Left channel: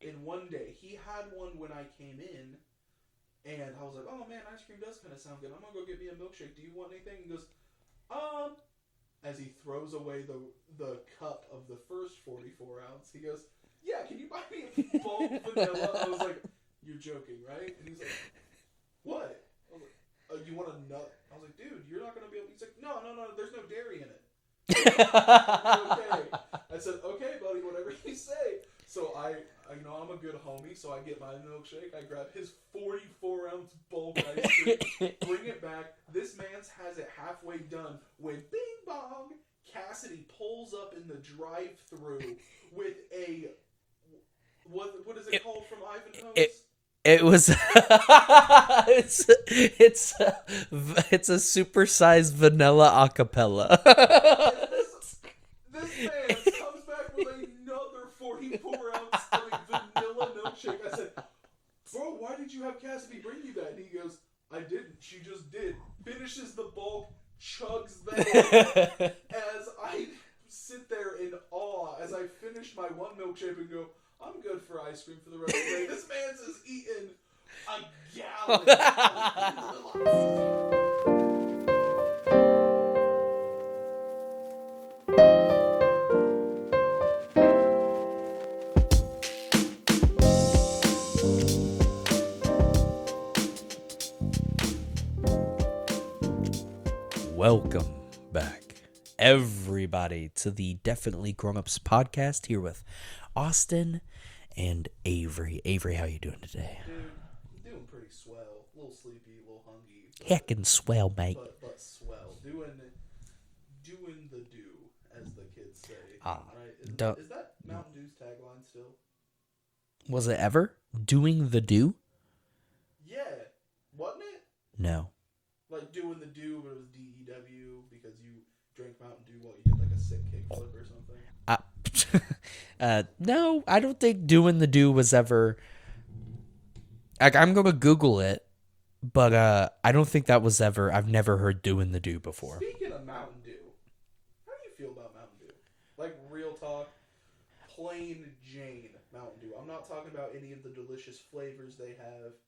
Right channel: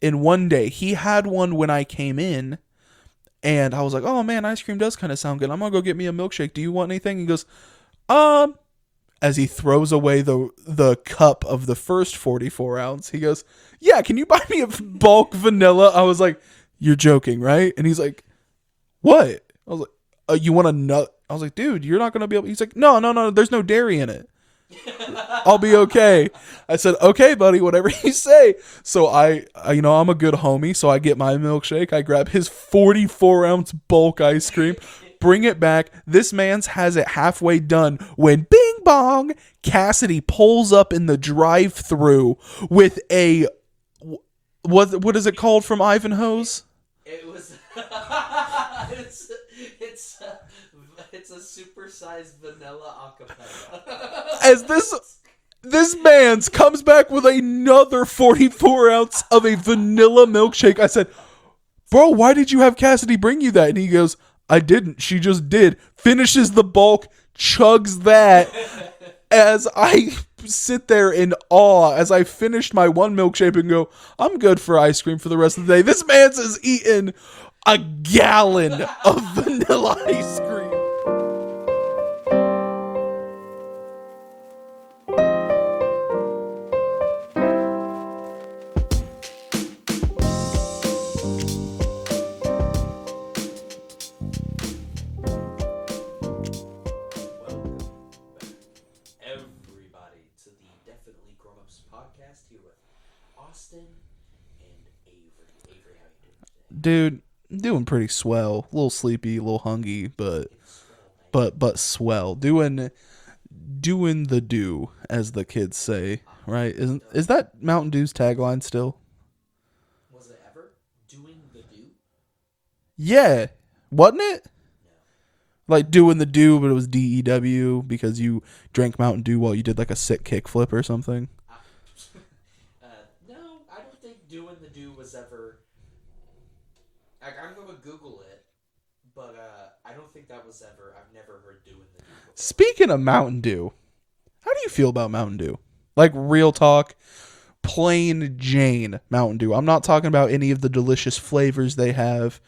in one day. He had one when I came in, and I was like, oh man, ice cream does kind of sound good. I'm going to go get me a milkshake. Do you want anything? He goes, as he throws away the cup of the first 44 ounce, he goes, yeah, can you buy me a bulk vanilla? I was like, you're joking, right? And he's like, what? I was like, you want a nut? I was like, dude, you're not going to be able. He's like, no, there's no dairy in it. I'll be okay. I said, okay, buddy, whatever you say. So I, I'm a good homie. So I get my milkshake. I grab his 44 ounce bulk ice cream, bring it back. This man's has it halfway done when bing bong, Cassidy pulls up in the drive-thru with a, what is it called from Ivanhoe's? It was it's a supersized vanilla acapella. As this man's comes back with another 44 ounce of a vanilla milkshake. I said, bro, why did you have Cassidy bring you that? And he goes, I didn't. She just did. Finishes the bulk, chugs that. As I sit there in awe as I finished my one milkshake and go, I'm good for ice cream for the rest of the day. This man's is eating a gallon of vanilla ice cream. Welcome back, everybody, to the Definitely Grown Ups podcast here with Austin and Avery. Avery, how you doing today? Dude, doing pretty swell. A little sleepy, a little hungry, but Heckin' swell, mate. But swell. Doing the do, as the kids say, right? Is that Mountain Dew's tagline still? Was it ever? Doing the do? Yeah. Wasn't it? No. Like doing the do, but it was DEW because you drank Mountain Dew while you did like a sick kickflip or something. No, I don't think doing the do was ever. I'm gonna Google it, but I don't think that was ever. I've never heard doing the do before. Speaking of Mountain Dew, how do you feel about Mountain Dew? Like real talk, plain Jane Mountain Dew. I'm not talking about any of the delicious flavors they have.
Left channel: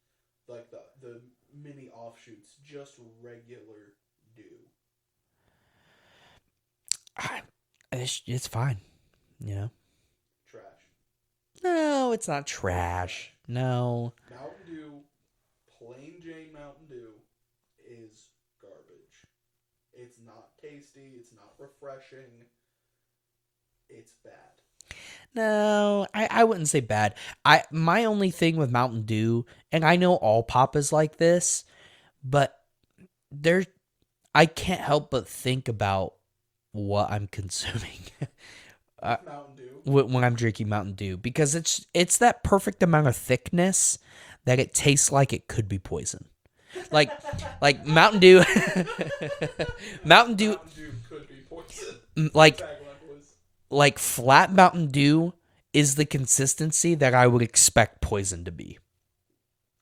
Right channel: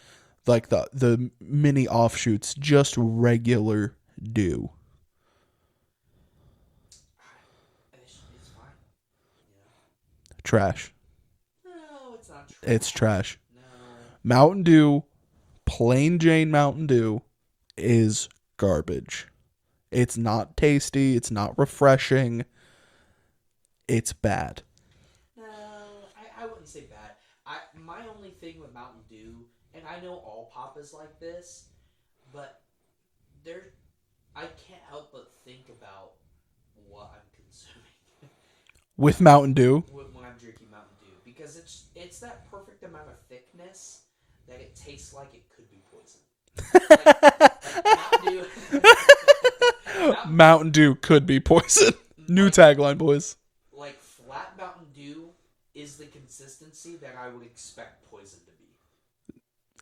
Like the mini offshoots, just regular Dew. It's fine, you know. Trash. No, it's not trash. It's trash. No. Mountain Dew, plain Jane Mountain Dew, is garbage. It's not tasty. It's not refreshing. It's bad. No, I wouldn't say bad. My only thing with Mountain Dew, and I know all pop is like this, but I can't help but think about what I'm consuming with Mountain Dew when I'm drinking Mountain Dew, because it's that perfect amount of thickness that it tastes like it could be poison. like Mountain Dew. Mountain Dew could be poison. New tagline, boys. Like flat Mountain Dew is the consistency that I would expect poison to be.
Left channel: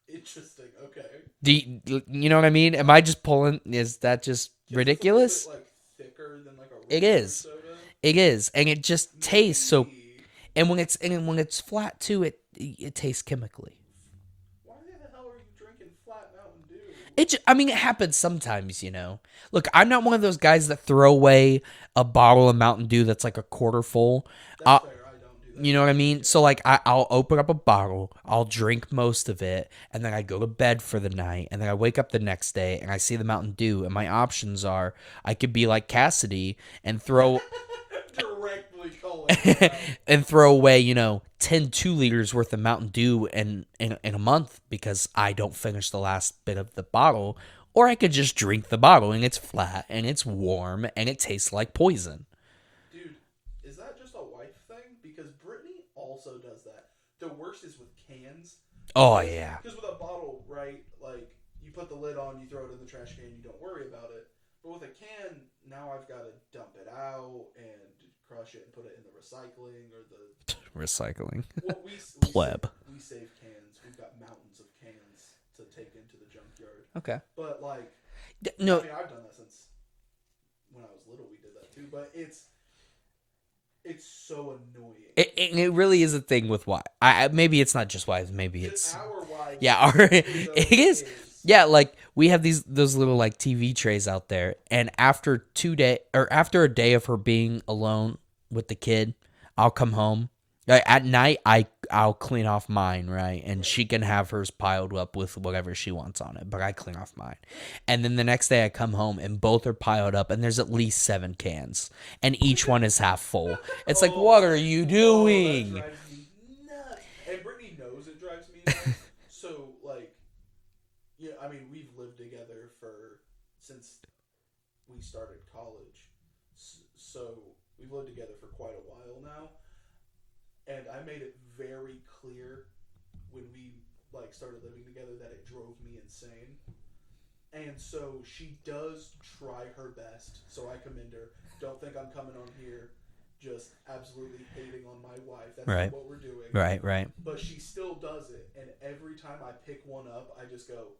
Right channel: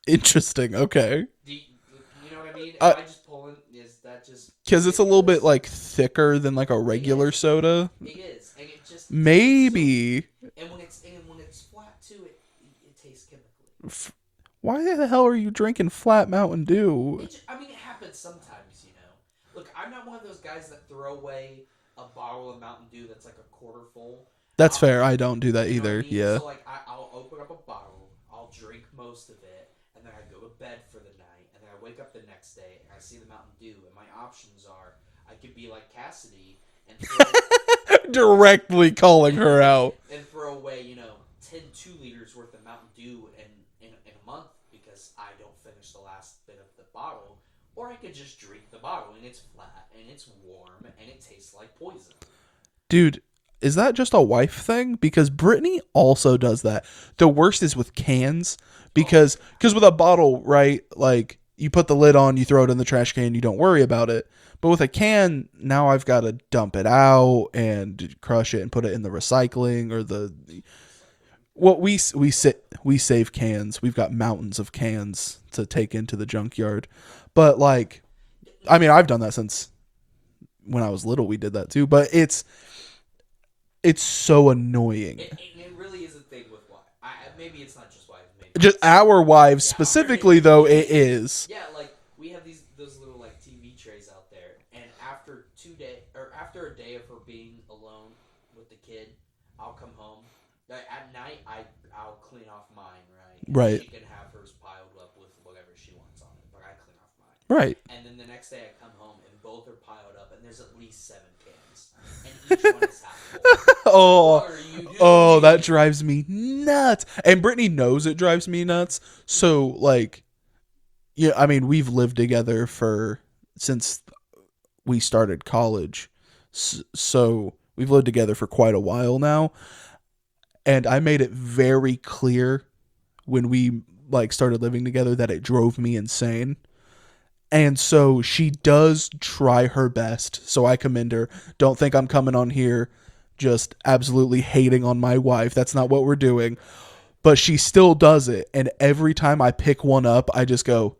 Interesting. Okay. Do you know what I mean? Am I just pulling? Is that just because it's a little bit like thicker than like a regular soda? It is, and it just maybe. Tastes so, and when it's flat too, it tastes chemically. Why the hell are you drinking flat Mountain Dew? It happens sometimes, you know. Look, I'm not one of those guys that throw away a bottle of Mountain Dew that's like a quarter full. That's fair. I don't do that. You know either. what I mean? Yeah. So like I'll open up a bottle, I'll drink most of it, and then I go to bed for the night, and then I wake up the next day and I see the Mountain Dew, and my options are I could be like Cassidy and throw directly calling her out and throw away, 10 2-liters worth of Mountain Dew in a month because I don't finish the last bit of the bottle. Or I could just drink the bottle and it's flat and it's warm and it tastes like poison. Dude, is that just a wife thing? Because Brittany also does that. The worst is with cans. Because with a bottle, right, like you put the lid on, you throw it in the trash can, you don't worry about it. But with a can, now I've got to dump it out and crush it and put it in the recycling or the recycling. Well, we save cans. We've got mountains of cans to take into the junkyard. Okay. But like, no. I mean, I've done that since when I was little. We did that too. But it's It's so annoying. It really is a thing with wives. Maybe it's not just wives. Maybe Just it's, our wives Yeah, specifically, though, it is. Yeah, like we have those little like TV trays out there, and after a day of her being alone with the kid, I'll come home. Like, at night, I'll clean off mine, right? And Right. she can have hers piled up with whatever she wants on it, but I clean off mine. Right. And then the next day I come home and both are piled up, and there's at least 7 cans, and each one is half full. It's like, what are you doing? Oh, that drives me nuts. And Brittany knows it drives me nuts. So, like, yeah, I mean, we've lived together since we started college. So we've lived together for quite a while now. And I made it very clear when we like started living together that it drove me insane. And so she does try her best. So I commend her. Don't think I'm coming on here just absolutely hating on my wife. That's not what we're doing. Right. But she still does it. And every time I pick one up, I just go,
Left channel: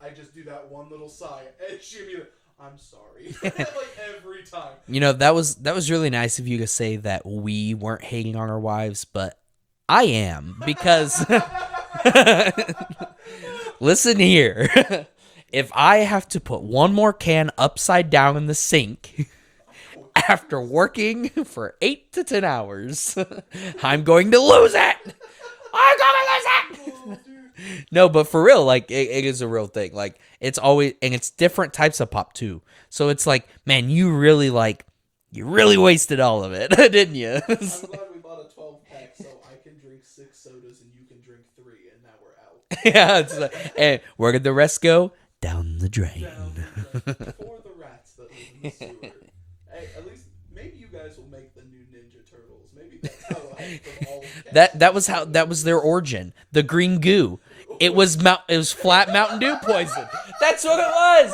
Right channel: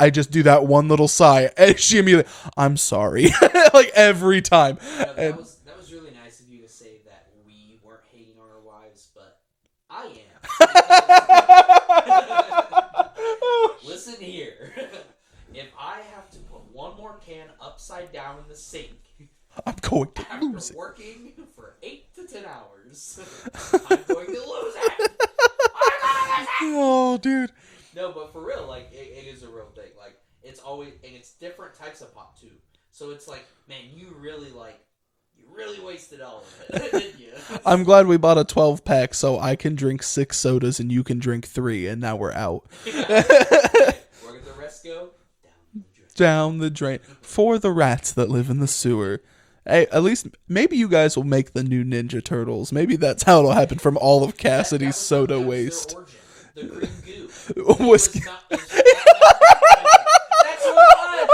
I just do that one little sigh, and she immediately, I'm sorry. Like every time. You know, that was really nice of you to say that we weren't hating on our wives, but I am, because listen here. If I have to put one more can upside down in the sink I'm going after working for 8 to 10 hours, I'm going to lose it. Oh, dude. No, but for real, like it is a real thing. Like it's always, and it's different types of pop too. So it's like, man, you really wasted all of it, didn't you? I'm glad we bought a 12-pack so I can drink 6 sodas and you can drink 3, and now we're out. Yeah. Hey, where did the rest go? Down the drain. Down the drain. For the rats that live in the sewer. Hey, at least maybe you guys will make the new Ninja Turtles. Maybe that's how it'll happen from all of Cassidy's That was soda was their waste. origin. The green goo. It was flat Mountain Dew poison. That's what it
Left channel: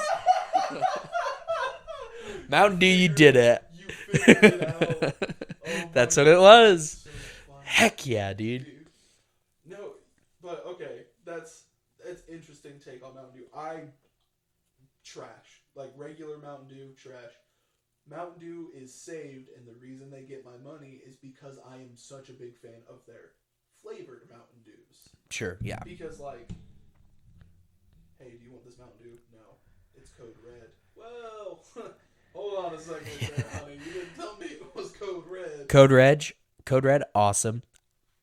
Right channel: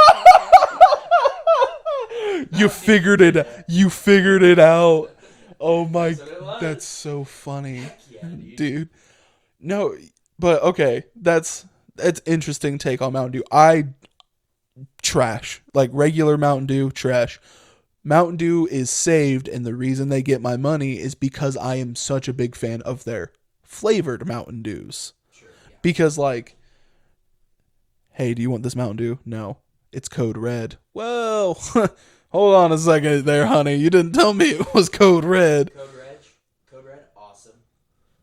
was. You figured it. You figured it out. Oh my! That's what it was. That's so funny. Heck yeah, dude. No, but okay, that's interesting take on Mountain Dew. I trash like regular Mountain Dew trash. Mountain Dew is saved, and the reason they get my money is because I am such a big fan of their flavored Mountain Dews. Sure, yeah. Because, like, hey, do you want this Mountain Dew? No. It's Code Red. Well, hold on a second there, honey. You didn't tell me it was Code Red. Code Red, awesome.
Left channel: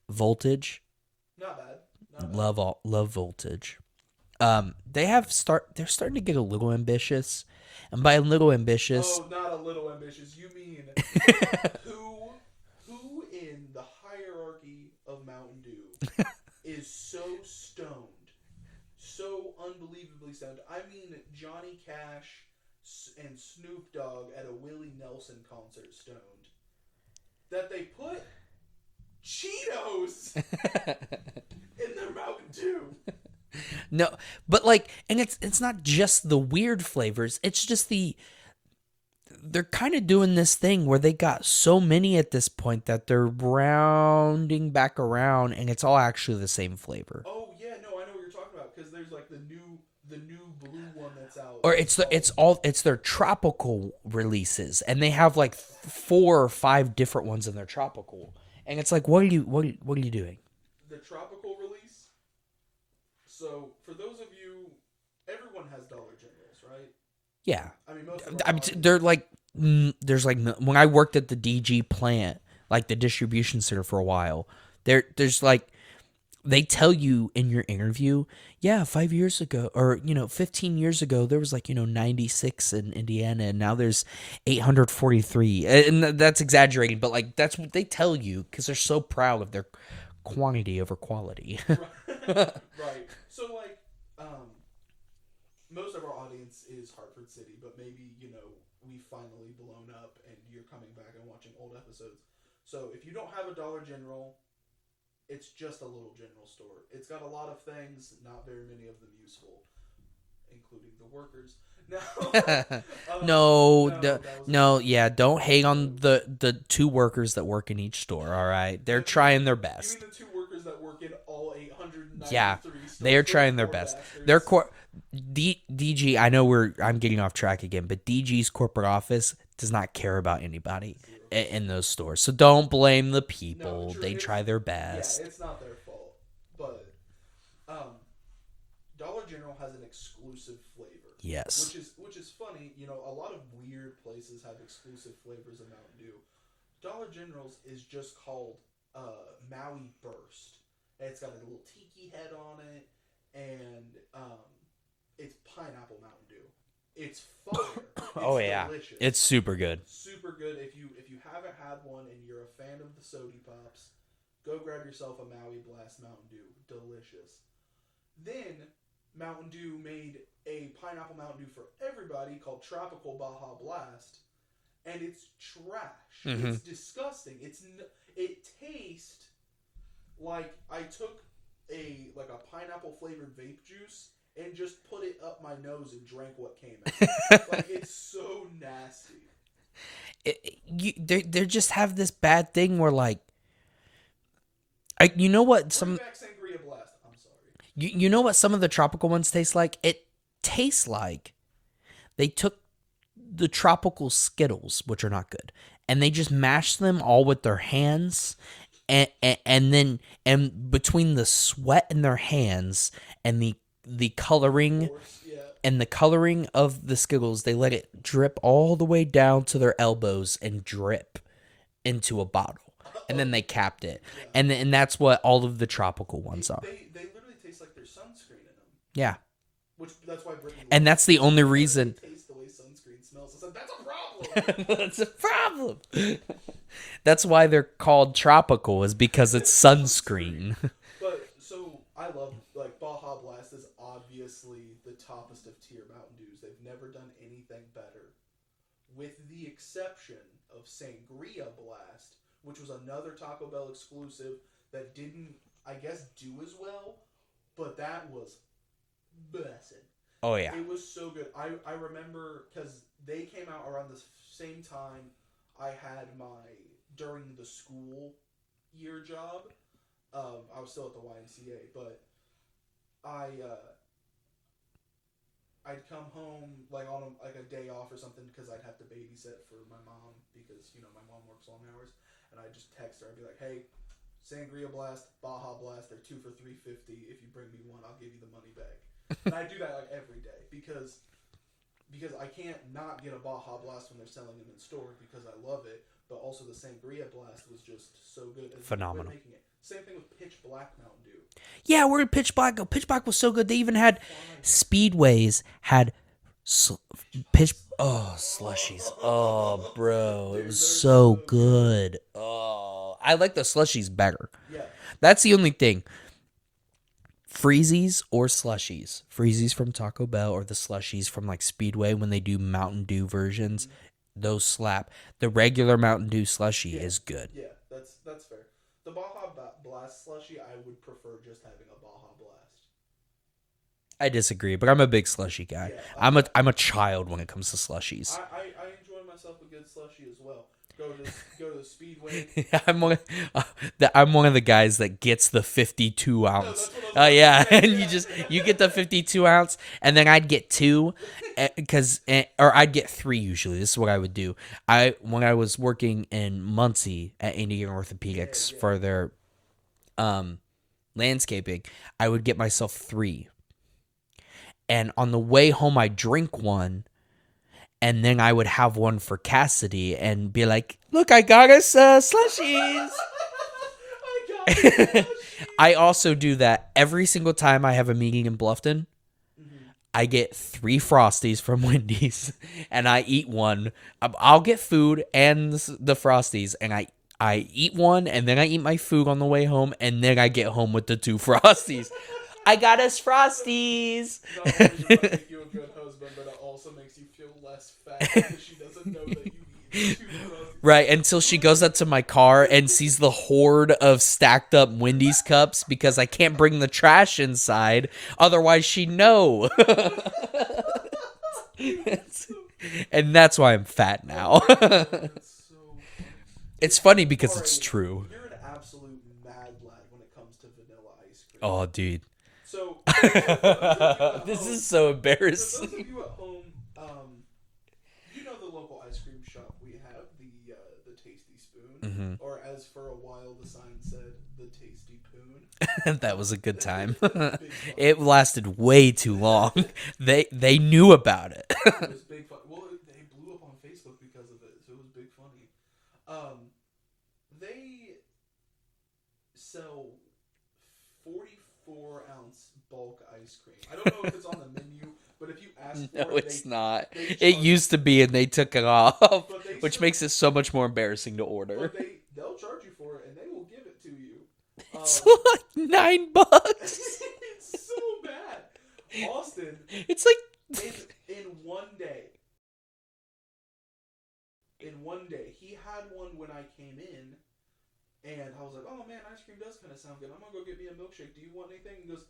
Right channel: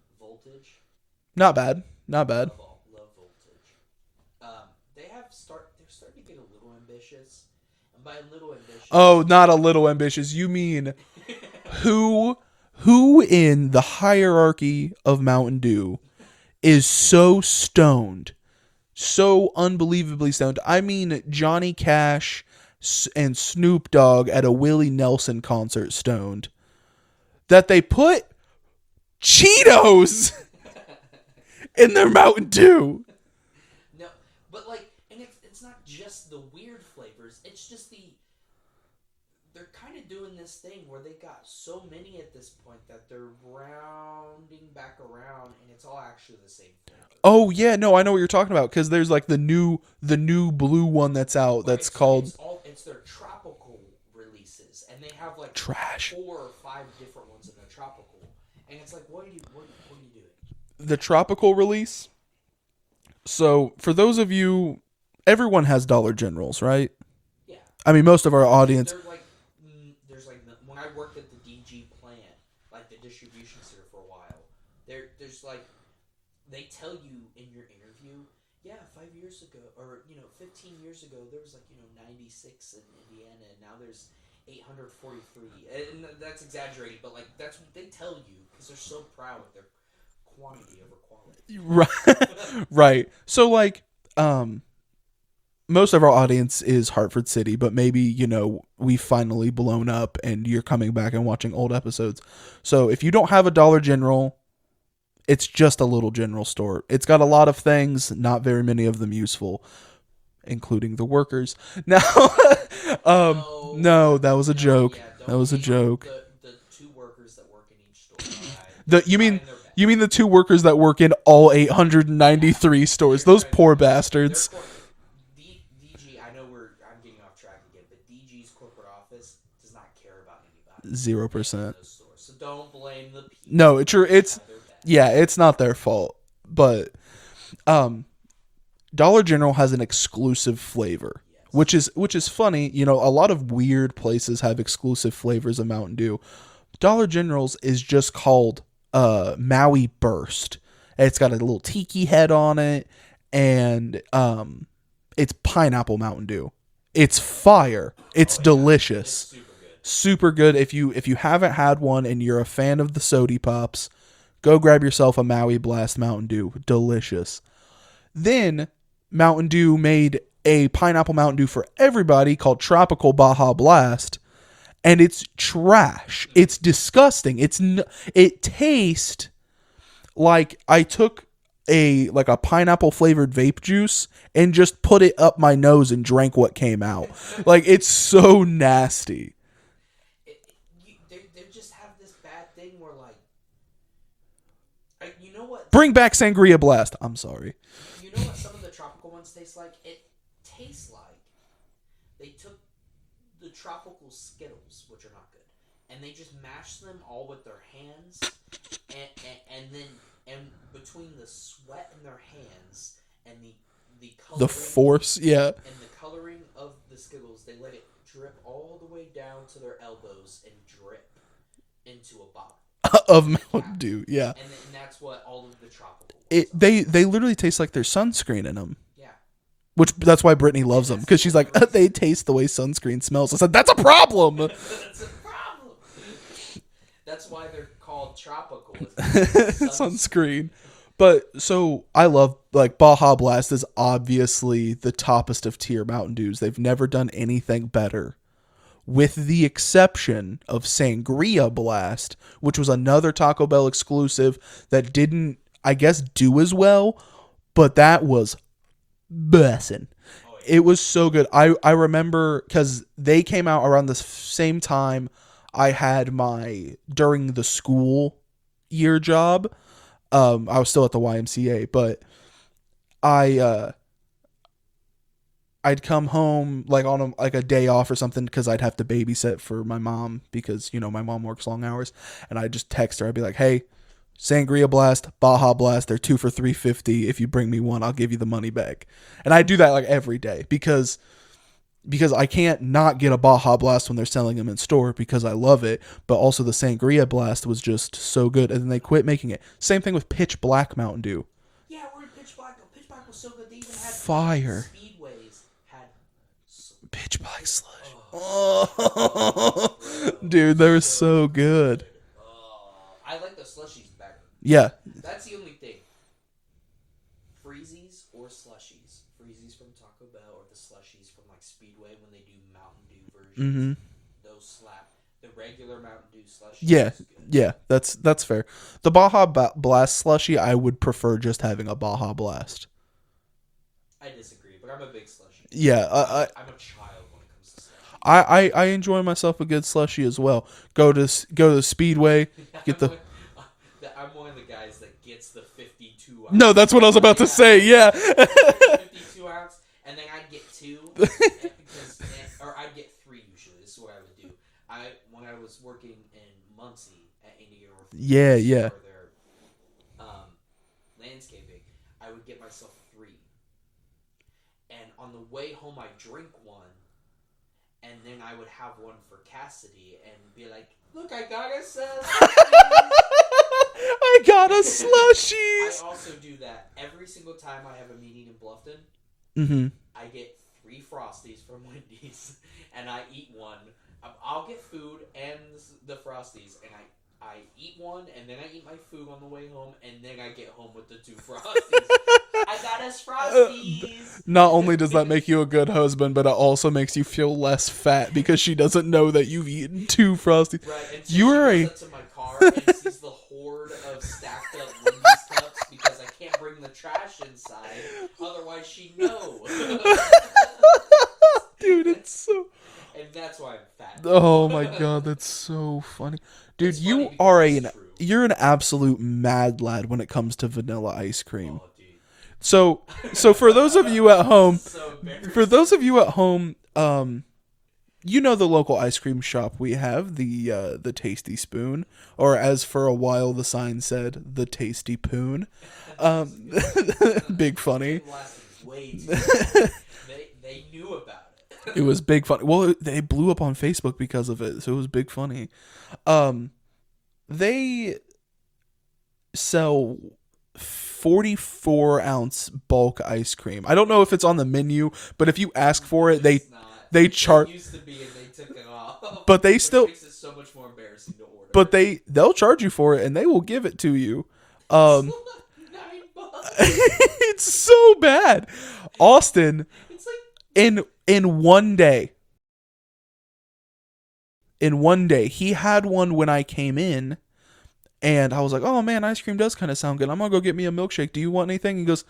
Voltage, Not bad. Not bad. love Voltage. They're starting to get a little ambitious. And by a little ambitious... Oh, not a little ambitious. You mean who in the hierarchy of Mountain Dew is so stoned, so unbelievably stoned? I mean Johnny Cash and Snoop Dogg at a Willie Nelson concert stoned, that they put Cheetos in their Mountain Dew. No, but like, and it's not just the weird flavors. It's just they're kind of doing this thing where they got so many at this point that they're rounding back around, and it's all actually the same flavor. Oh yeah, no, I know what you're talking about, because there's like the new blue one that's out. Or That's called it's their tropical releases, and they have like Trash. 4 or 5 different ones in their tropical, and it's like, what are you doing? the tropical release. So for those of you, everyone has Dollar Generals, right? Yeah, I mean, most of our audience. they're like, there's like, when I worked at the DG plant, like the distribution center for a while, there's like, they tell you in your interview, yeah, 5 years ago, or 15 years ago, there was like 96 in Indiana, and now there's 843, and that's exaggerating, but like that's what they tell you because they're so proud of their quantity over quality. Right. So like, most of our audience is Hartford City, but maybe, we've finally blown up and you're coming back and watching old episodes. So if you don't have a Dollar General, it's just a little general store. It's got a lot of things, not very many of them useful, including the workers. Now, no, that was a joke. Yeah, don't hate on the 2 workers that work in each store, all right? They're trying their best. You mean the 2 workers that work in all 893 stores? Those poor bastards. DG, I know I'm getting off track again, but DG's corporate office does not care about anybody 0% in those stores. So don't blame the people. No, it's true. They It's try their best. Yeah, it's not their fault. But Dollar General has an exclusive flavor. Yes. Which is funny. You know, a lot of weird places have exclusive flavors of Mountain Dew. Dollar General's is just called Maui Burst. It's got a little tiki head on it, and it's pineapple Mountain Dew. It's fire. It's delicious. It's super good. Super good. If you haven't had one and you're a fan of the Sody Pops, go grab yourself a Maui Blast Mountain Dew. Delicious. Then Mountain Dew made a pineapple Mountain Dew for everybody called Tropical Baja Blast, and it's trash. Mm-hmm. It's disgusting. It tastes like I took a pineapple flavored vape juice and just put it up my nose and drank what came out. Like, it's so nasty. They just have this bad thing where, like, you know what? Bring back Sangria Blast. I'm sorry. You know what some of the tropical ones taste like? It tastes like they took the tropical Skittles, which are not good, and they just mashed them all with their hands, and then between the sweat in their hands and the coloring, the force, yeah, and the coloring of the Skittles, they let it drip all the way down to their elbows and drip into a bottle. And then they capped it. Yeah. And that's what all of the tropical ones are. They literally taste like there's sunscreen in them. Yeah. That's why Brittany loves them. And that's the only reason. They taste the way sunscreen smells. I said, that's a problem. That's a problem. That's why they're called tropical, is because it's sunscreen. But so I love, like, Baja Blast is obviously the toppest of tier Mountain Dews. They've never done anything better, with the exception of Sangria Blast, which was another Taco Bell exclusive that didn't, I guess, do as well, but that was bussin'. Oh, yeah. It was so good. I remember, because they came out around the same time I had during the school year job. I was still at the YMCA, but I'd come home like on a day off or something, because I'd have to babysit for my mom, because, you know, my mom works long hours, and I'd just text her. I'd be like, hey, Sangria Blast, Baja Blast, they're 2 for $3.50. If you bring me one, I'll give you the money back. And I do that like every day, because I can't not get a Baja Blast when they're selling them in store, because I love it. But also the Sangria Blast was just so good, and then they quit making it. Same thing with Pitch Black Mountain Dew. Yeah, where did Pitch Black go? Pitch Black was so good. They even had fire. Speedways had Pitch Black. Slushies. Oh, bro. Dude, they're so good. Oh, I like the slushies better. Yeah. That's the only thing. Freezies or slushies. Freezies from Taco Bell, or the slushies from like Speedway when they do Mountain Dew versions. Mm-hmm. Those slap. The regular Mountain Dew slushie is good. Yeah, that's fair. The Baja Blast slushie, I would prefer just having a Baja Blast. I disagree, but I'm a big slushie guy. Yeah, I'm a child when it comes to slushies. I enjoy myself a good slushie as well. Go to Speedway. I'm one of the guys that gets the 52 ounce. No, that's what I was about to say. Yeah, you get the 52 ounce, and then I'd get 2, or I'd get 3 usually. This is what I would do. When I was working in Muncie at Indian Orthopedics for their landscaping, I would get myself 3. And on the way home, I'd drink one, and then I would have one for Cassidy and be like, look, I got us slushies. I got us slushies. I also do that every single time I have a meeting in Bluffton. Mm-hmm. I get 3 Frosties from Wendy's, and I eat one. I'll get food and the Frosties, and I eat one, and then I eat my food on the way home, and then I get home with the 2 Frosties. I got us Frosties. Not only does that make you a good husband, but it also makes you feel less fat, because she doesn't know that you've eaten 2 Frosties. Right, until she goes up to my car and sees the horde of stacked up Wendy's cups, because I can't bring the trash inside. Otherwise, she'd know. Dude, it's so... And that's why I'm fat now. Oh my God, that's so funny. Dude, it's funny because it's true. You're an absolute mad lad when it comes to vanilla ice cream. Oh, dude. So for those of you at home, this is so embarrassing. For those of you at home, You know the local ice cream shop we have, the Tasty Spoon, or as for a while the sign said, the Tasty Poon. That was a good time. Big funny. It lasted way too long. They knew about it. It was big fun. Well, they blew up on Facebook because of it, so it was big funny. They sell 44-ounce bulk ice cream. I don't know if it's on the menu, but if you ask for it, it's not. They It used to be, and they took it off. But they which still makes it so much more embarrassing to order. But they'll charge you for it, and they will give it to you. It's like $9. It's so bad. Austin, It's like in one day. In one day, he had one when I came in, and I was like, "Oh man, ice cream does kind of sound good. I'm gonna go get me a milkshake. Do you want anything?" He goes,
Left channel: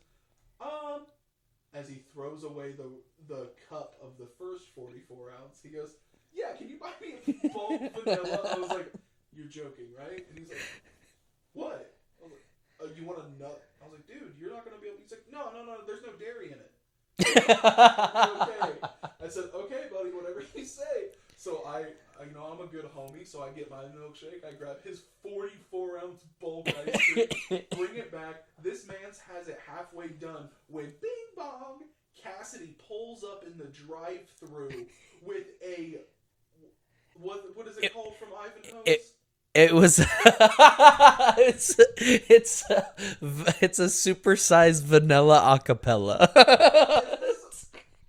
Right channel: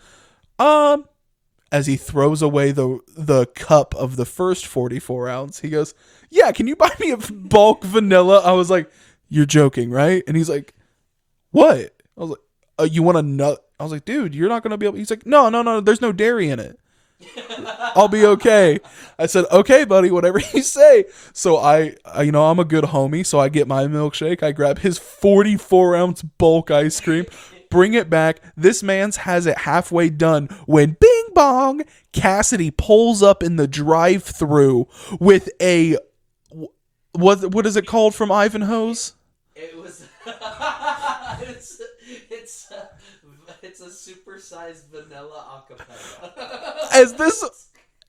As he throws away the cup of the first 44-ounce, he goes, "Yeah, can you buy me a bulk vanilla?" I was like, "You're joking, right?" And he's like, "What?" I was like, "You want a nut?" I was like, "Dude, you're not gonna be able." He's like, No, there's no dairy in it. I'll be okay. I said, "Okay, buddy, whatever you say." So I I'm a good homie, so I get my milkshake. I grab his 44-ounce bulk ice cream, bring it back. This man's has it halfway done when bing bong, Cassidy pulls up in the drive-thru with a what is it called from Ivanhoe's? It was it's a supersized vanilla acapella. As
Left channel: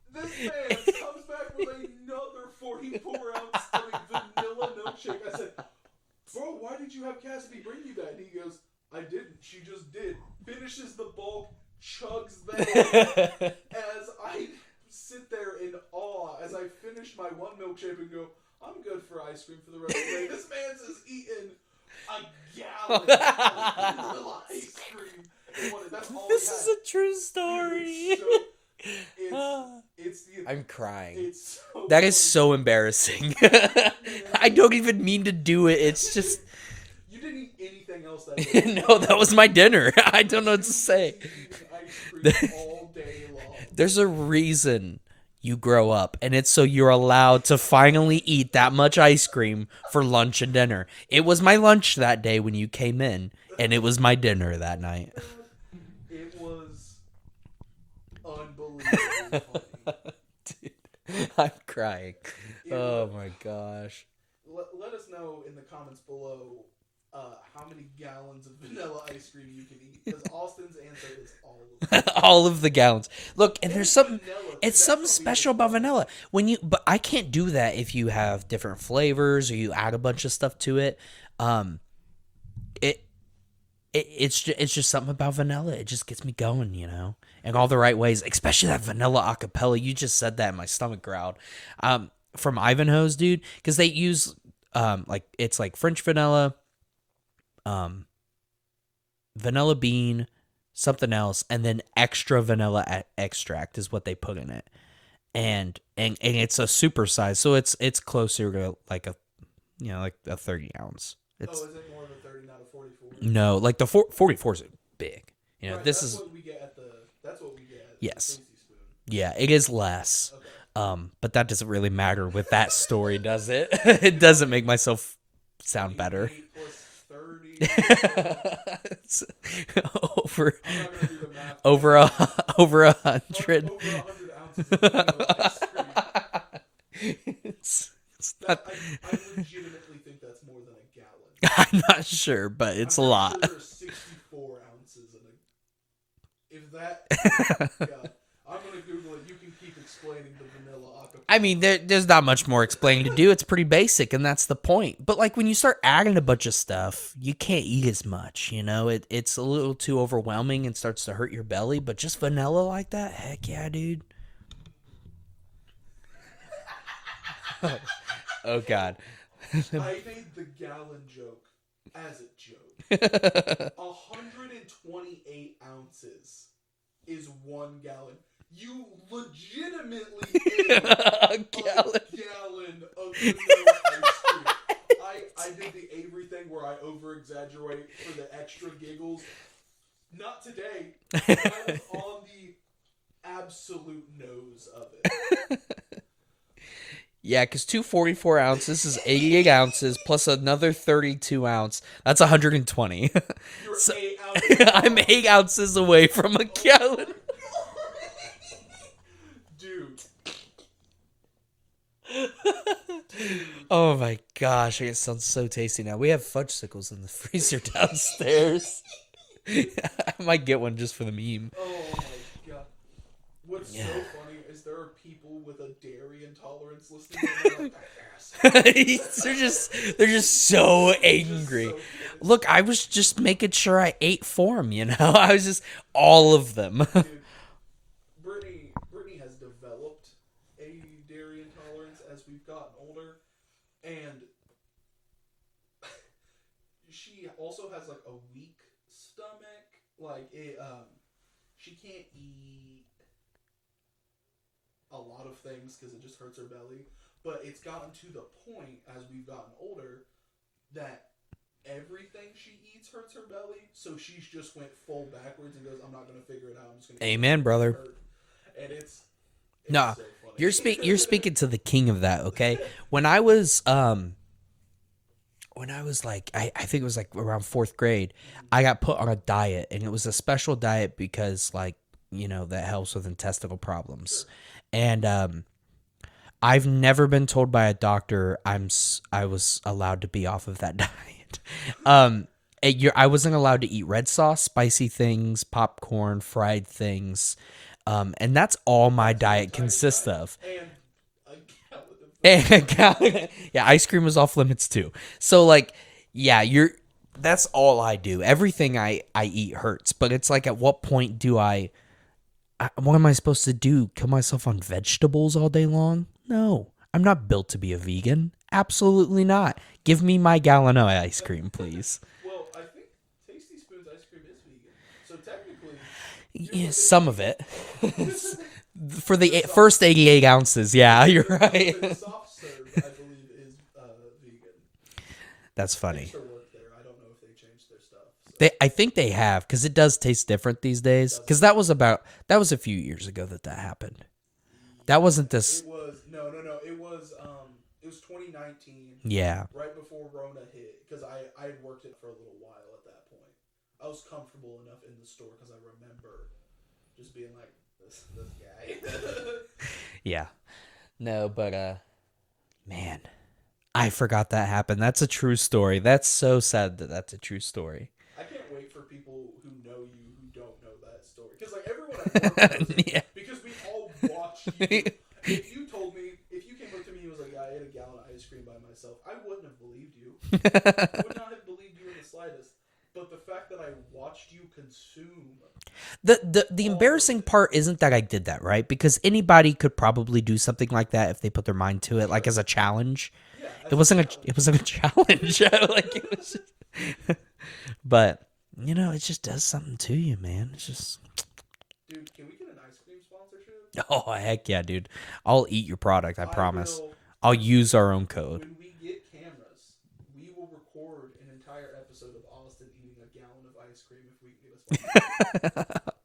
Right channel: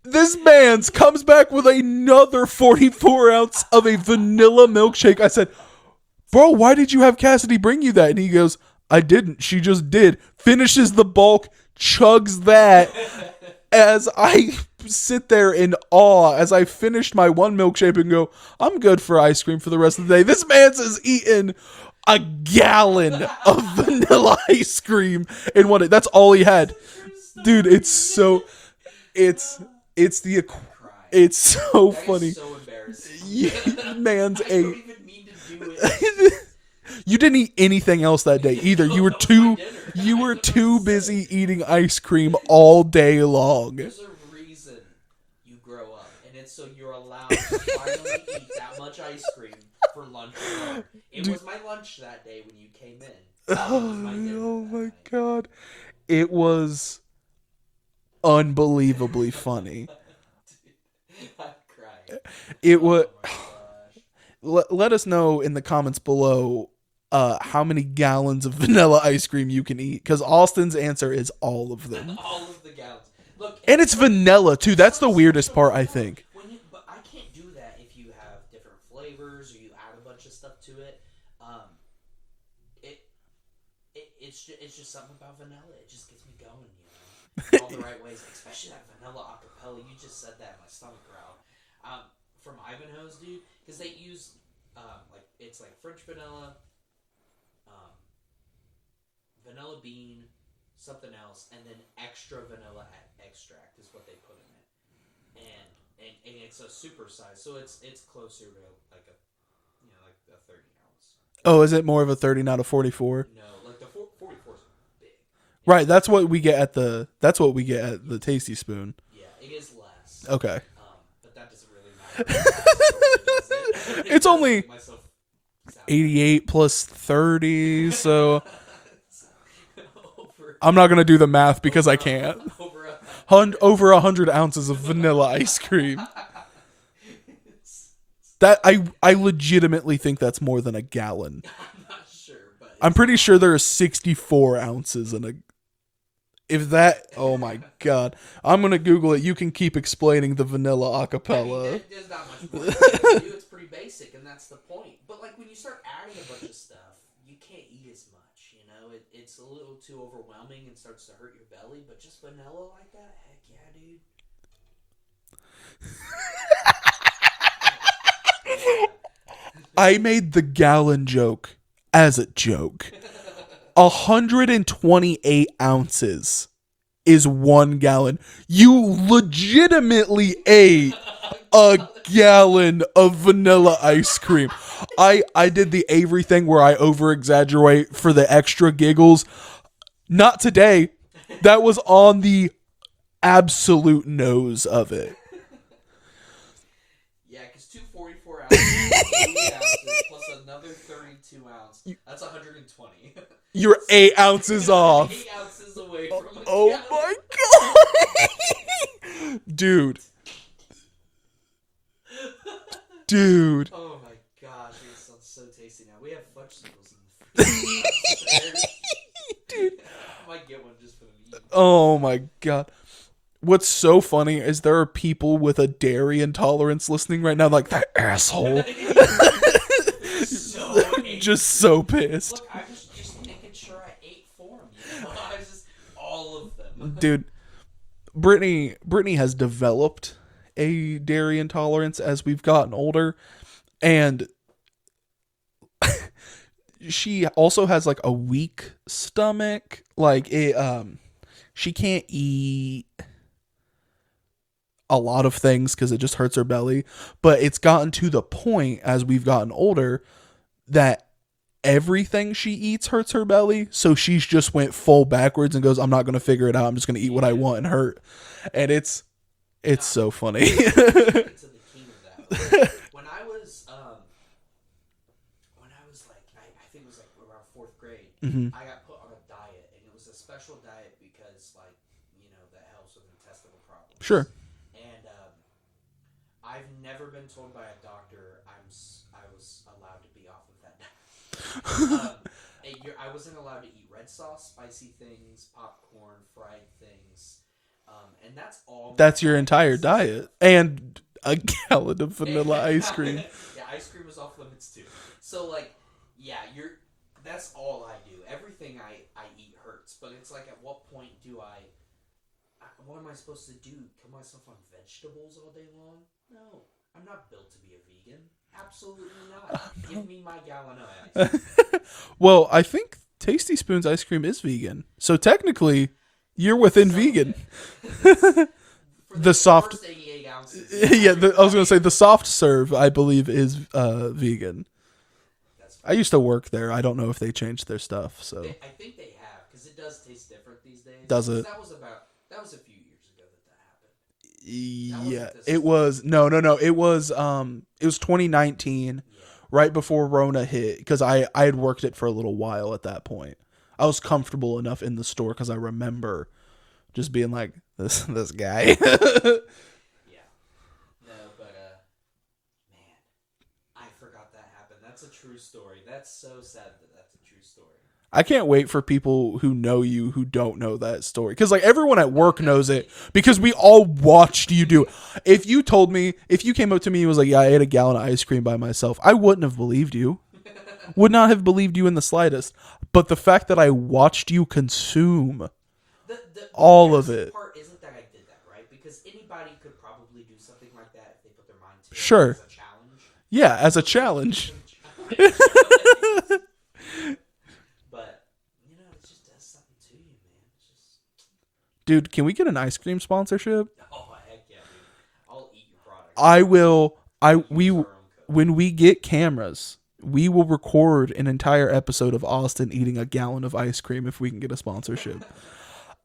this man's comes back with another 44-ounce of a vanilla milkshake. I said, "Bro, why did you have Cassidy bring you that?" And he goes, "I didn't. She just did." Finishes the bulk, chugs that. As I sit there in awe as I finished my one milkshake and go, "I'm good for ice cream for the rest of the day." This man's is eating a gallon of vanilla ice cream in one day. That's all he had. It's a true story. Dude, it's so I'm crying. It's so That funny. is so embarrassing. Man's I don't even mean to do it. It's just You didn't eat anything else that day either. No, You were that was my dinner. I You were don't know what too to say. busy eating ice cream all day long. There's a reason you grow up, and it's so you're allowed to finally eat that much ice cream for lunch and dinner. It was my lunch that day when you came in, and it was my dinner that night. God. It was unbelievably funny. Dude, I'm crying. It was. Oh my gosh. Let us know in the comments below how many gallons of vanilla ice cream you can eat, because Austin's answer is all of them. All of the gallons. Look, And it's vanilla too. That's the weirdest part, I think. But I can't do that if you have different flavors or you add a bunch of stuff to it. It's just something about vanilla. It just gets me going, in all the right ways. Especially that vanilla acapella. You just said that, and my stomach growled. From Ivanhoe's, dude, because they use it's like French vanilla, vanilla bean, something else, and then extra vanilla extract is what they put in it, and it's a super size, so it's closer to like a 30-ounce. Is it more of a 30, not a 44? No, like the 44 is big. Right, that's what we get at the Yes. Tasty Spoon. Yeah, it is less. Okay. But that doesn't really matter with that story, does it? It It's doesn't only make myself sound 88 plus 30, so over. I'm not going to do the math because over I can't. Over 100. Over 100 ounces of vanilla ice cream. That I legitimately think that's more than a gallon. I'm not sure, but it's I'm pretty a lot. sure there are 64 ounces in a. If that, oh my God, I'm gonna Google it. You can keep explaining the vanilla acapella. I mean, there's not much more explaining to do. It's pretty basic, and that's the point. But like when you start adding a bunch of stuff, you can't eat as much. It's a little too overwhelming and starts to hurt your belly. But just vanilla like that, heck yeah, dude. Oh God. I made the gallon joke as a joke. 128 ounces is 1 gallon. You legitimately ate a gallon of vanilla ice cream. I did the Avery thing where I over-exaggerate for the extra giggles. Not today. That was on the absolute nose of it. Yeah, because 244 ounces is 88 ounces plus another 32 ounce. That's 120. You're 8 ounces off. I'm 8 ounces away from a Oh gallon. my god, dude. Oh my gosh, it sounds so tasty now. We have fudgesicles in the freezer downstairs. I might get one just for the meme. Oh my god. What's so funny is there are people with a dairy intolerance listening right now, like, that asshole. they're just so angry. Just so pissed. Look, I was just making sure I ate for them, you know? I was just, all of them. Dude, Brittany has developed a dairy intolerance as we've gotten older. And she also has, like, a weak stomach. Like, she can't eat a lot of things because it just hurts her belly, but it's gotten to the point as we've gotten older that everything she eats hurts her belly, so she's just went full backwards and goes, I'm not going to figure it out, I'm just going to eat what I want, brother. and hurt. And it's so funny. You're speaking to the king of that, okay? When I was like, I think it was like around 4th grade, I got put on a diet, and it was a special diet because, like, you know, that helps with intestinal problems. Sure. And I've never been told by a doctor I was allowed to be off of that diet. I wasn't allowed to eat red sauce, spicy things, popcorn, fried things, and that's all my That's diet your entire consists diet. of. And a gallon of vanilla ice cream. Yeah, ice cream was off limits too. So, like, yeah, that's all I do. Everything I eat hurts, but it's like, at what point do what am I supposed to do? Kill myself on vegetables all day long? No, I'm not built to be a vegan. Absolutely not. Give me my gallon of ice cream, please. Well, I think Tasty Spoon's ice cream is vegan. So technically, you're within Some vegan. Of it. For the first 88 ounces, yeah. I You're was going to right. say the soft serve, I believe, is vegan. That's I fine. used to work there. I don't know if they changed their stuff. So I think they have, because it does taste different these days. Does Because it? that was a few years ago that happened. That wasn't this. It was no. It was 2019. Yeah. Right before Rona hit, because I had worked it for a little while at that point. I was comfortable enough in the store because I remember just being like, this guy. Yeah. No, but man, I forgot that happened. That's a true story. That's so sad that that's a true story. I can't wait for people who know you who don't know that story. Because, like, everyone at work knows it. Yeah. Because we all watched you do it. If you came up to me and was like, yeah, I ate a gallon of ice cream by myself, I wouldn't have believed you. Would not have believed you in the slightest. But the fact that I watched you consume The all of embarrassing it. part isn't that I did that, right? Because anybody could probably do something like that if they put their mind to it, Sure. like as a challenge. Yeah, as It a wasn't challenge. It wasn't a challenge. Like, but, you know, it just does something to you, man. It's just... Dude, can we get an ice cream sponsorship? Oh, heck yeah, dude. I'll eat your product. I promise. will. I'll use our own code. When we get cameras, we will record an entire episode of Austin eating a gallon of ice cream if we can get a sponsorship.